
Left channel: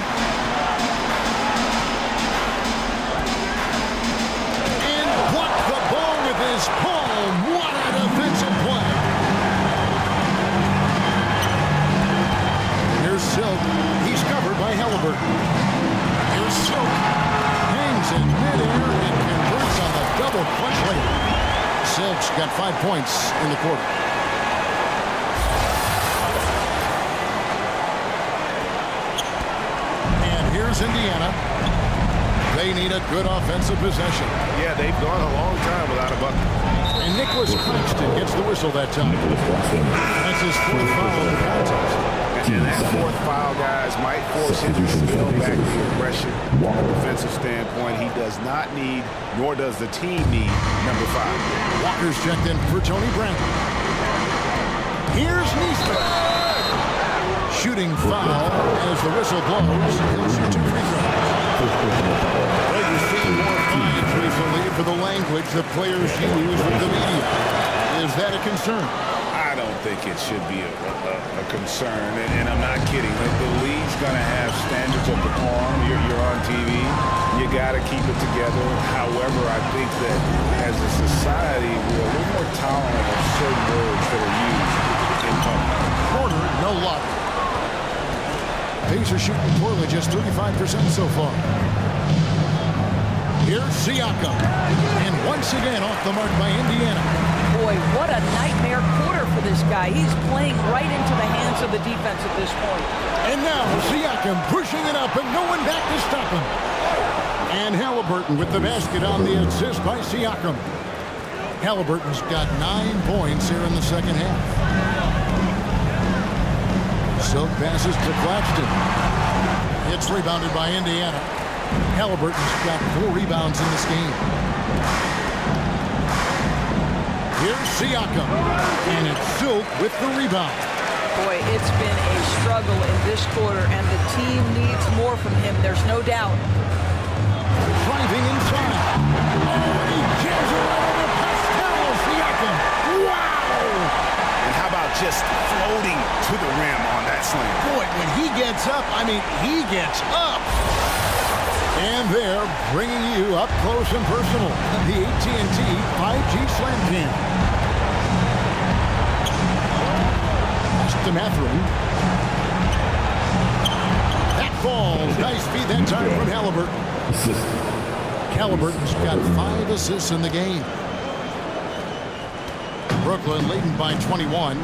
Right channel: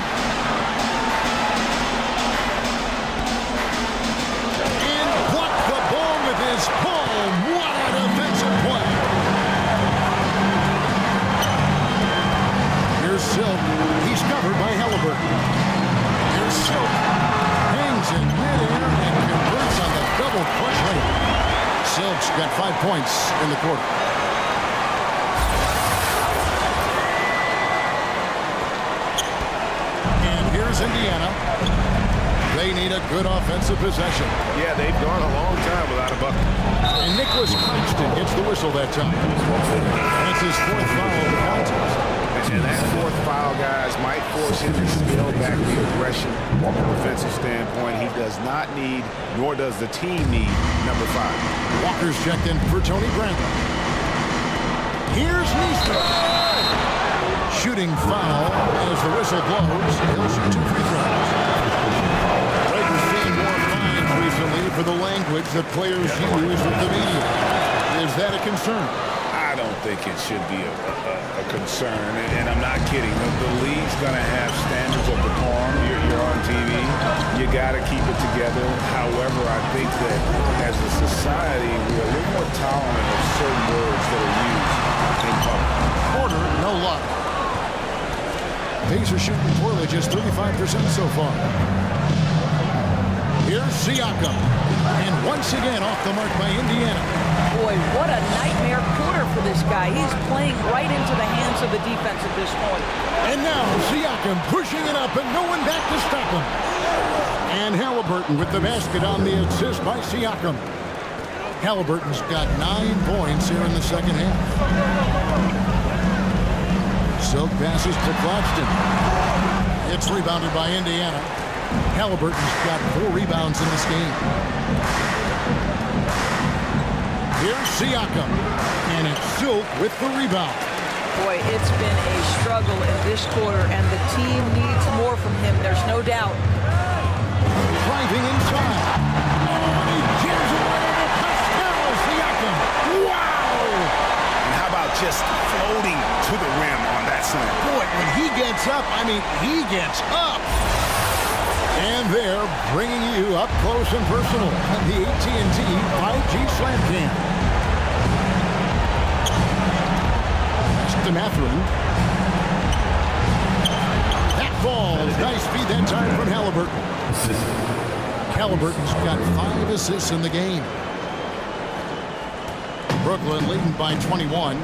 And blocked the ball with his palm. What a defensive play. Here's Silk. He's covered by Halliburton. Here's Silk. Hangs in midair and converts on the double clutch layup. Silk's got 5 points in the quarter. And here's Indiana. They need a good offensive possession. Yeah, they've gone a long time without a bucket. And Nicholas Claxton gets the whistle that time. That's his 4th foul of the contest. And that 4th foul, guys, might force him to scale back the aggression from a defensive standpoint. He does not need, nor does the team need, number 5. Walker's checked in for Tony Bradley. Here's Neesmith. Shooting foul as the whistle blows. He'll shoot 2 free throws. Greg was seeing more fines recently for the language that players use with the media. Is that a concern? I don't think it should be a concern, and I'm not kidding. The league's going to have standards of decorum. You're on TV. You got to keep it together. However, I think that as a society, we're a little more tolerant of certain words that are used in public. Porter, no luck. Pacers shooting poorly, just 35% so far. Here's Siakam. And once again off the mark by Indiana. Boy, what a nightmare quarter for this guy. He's playing right into the hands of the defense at this point. And now Siakam pushing it up and no one back to stop him. And Halliburton with the basket on the assist by Siakam. Halliburton's got 9 points here in the second half. Silk passes to Claxton. It's rebounded by Indiana. Halliburton's got 4 rebounds in this game. Here's Siakam, and it's Silk with the rebound. Boy, it's been a struggle in this quarter, and the team needs more from him, there's no doubt. Driving inside. Oh, and he jams it right over Pascal Siakam. Wow! And how about just floating to the rim on that slam? Boy, when he gets up, I mean, he gets up. And they're bringing you up close and personal. The AT&T 5G Slam Cam. Pass to Mathurin. That falls. Nice feed that time from Halliburton. Halliburton's got 5 assists in the game. Brooklyn leading by 21.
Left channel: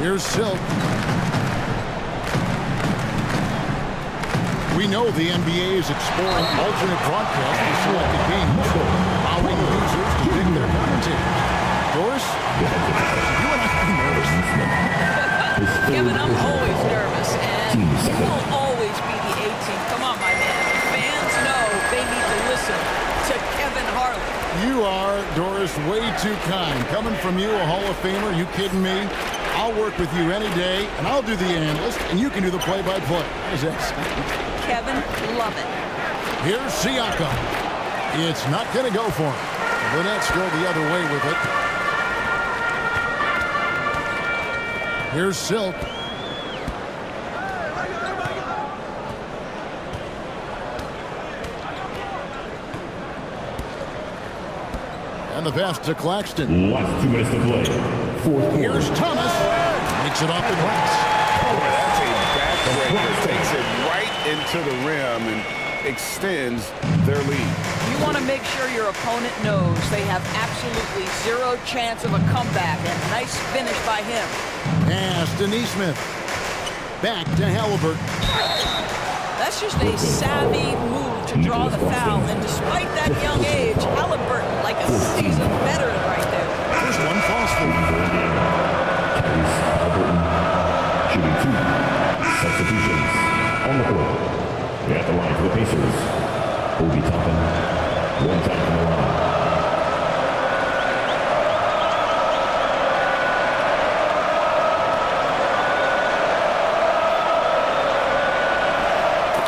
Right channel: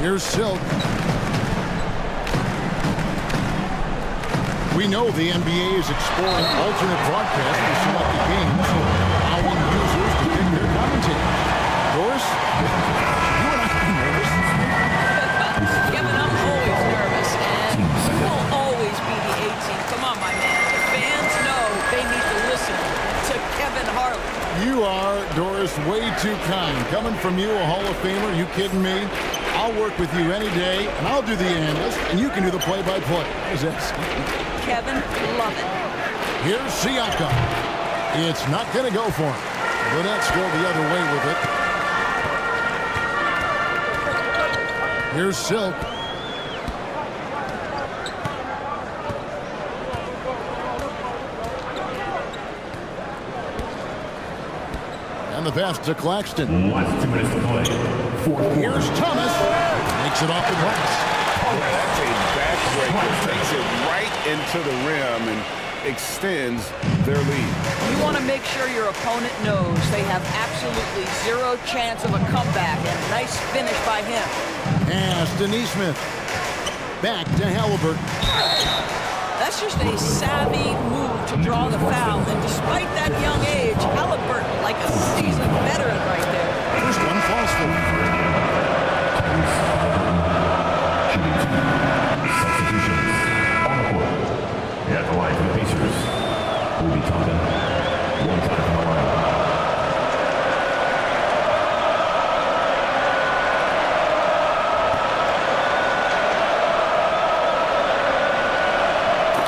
Here's Silk. We know the NBA is exploring alternate broadcasts for selected games, allowing users to pick their commentators. Doris, should you and I be nervous? Kevin, I'm always nervous, and you will always be the A-team. Come on, my man. The fans know they need to listen to Kevin Harlan. You are, Doris, way too kind. Coming from you, a Hall of Famer, you kidding me? I'll work with you any day, and I'll do the analyst, and you can do the play-by-play. How does that sound? Kevin, love it. Here's Siakam. It's not going to go for him. The Nets go the other way with it. Here's Silk. And the pass to Claxton. Last 2 minutes to play. Here's Thomas. Makes it off the glass. Boy, that's a backbreaker. Takes it right into the rim. And extends their lead. You want to make sure your opponent knows they have absolutely zero chance of a comeback, and nice finish by him. Pass to Neesmith. Back to Halliburton. That's just a savvy move to draw the foul, and despite that young age, Halliburton like a seasoned veteran right there. First one falls for him. Shooting 2. Substitutions on the court. At the line for the Pacers, Obi Toppin, 1 time from the line.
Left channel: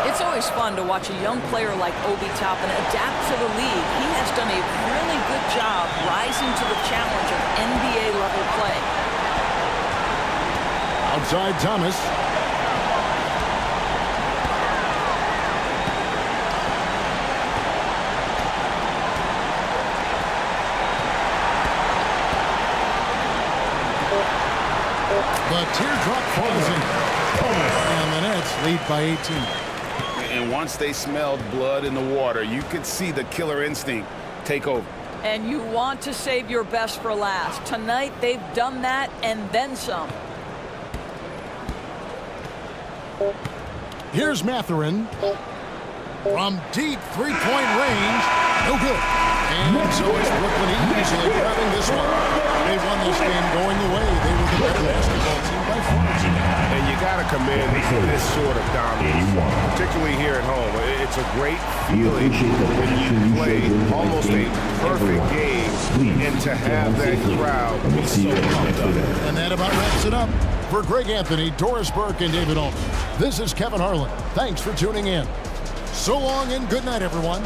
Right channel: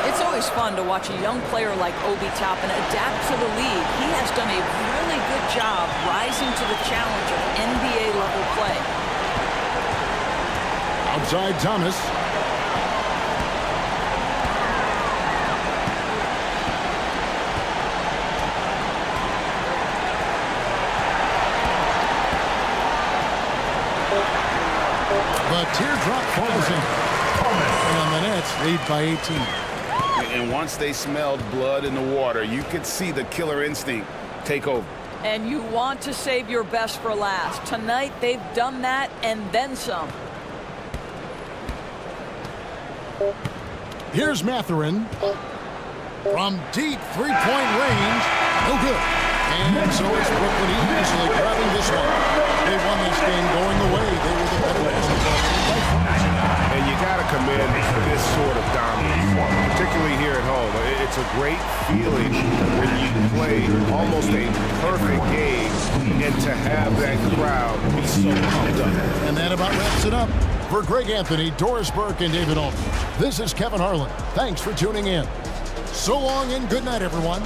It's always fun to watch a young player like Obi Toppin adapt to the league. He has done a really good job rising to the challenge of NBA-level play. Outside Thomas. The teardrop falls in. And the Nets lead by 18. And once they smelled blood in the water, you could see the killer instinct take over. And you want to save your best for last. Tonight, they've done that and then some. Here's Mathurin. From deep three-point range. No good. And so it's Brooklyn easily grabbing this one. They won this game going away. They were the better basketball team by far. And you got to commend this sort of dominance, particularly here at home. It's a great feeling when you play almost a perfect game and to have that crowd be so pumped up. And that about wraps it up. For Greg Anthony, Doris Burke, and David Aldridge, this is Kevin Harlan. Thanks for tuning in. So long and good night, everyone.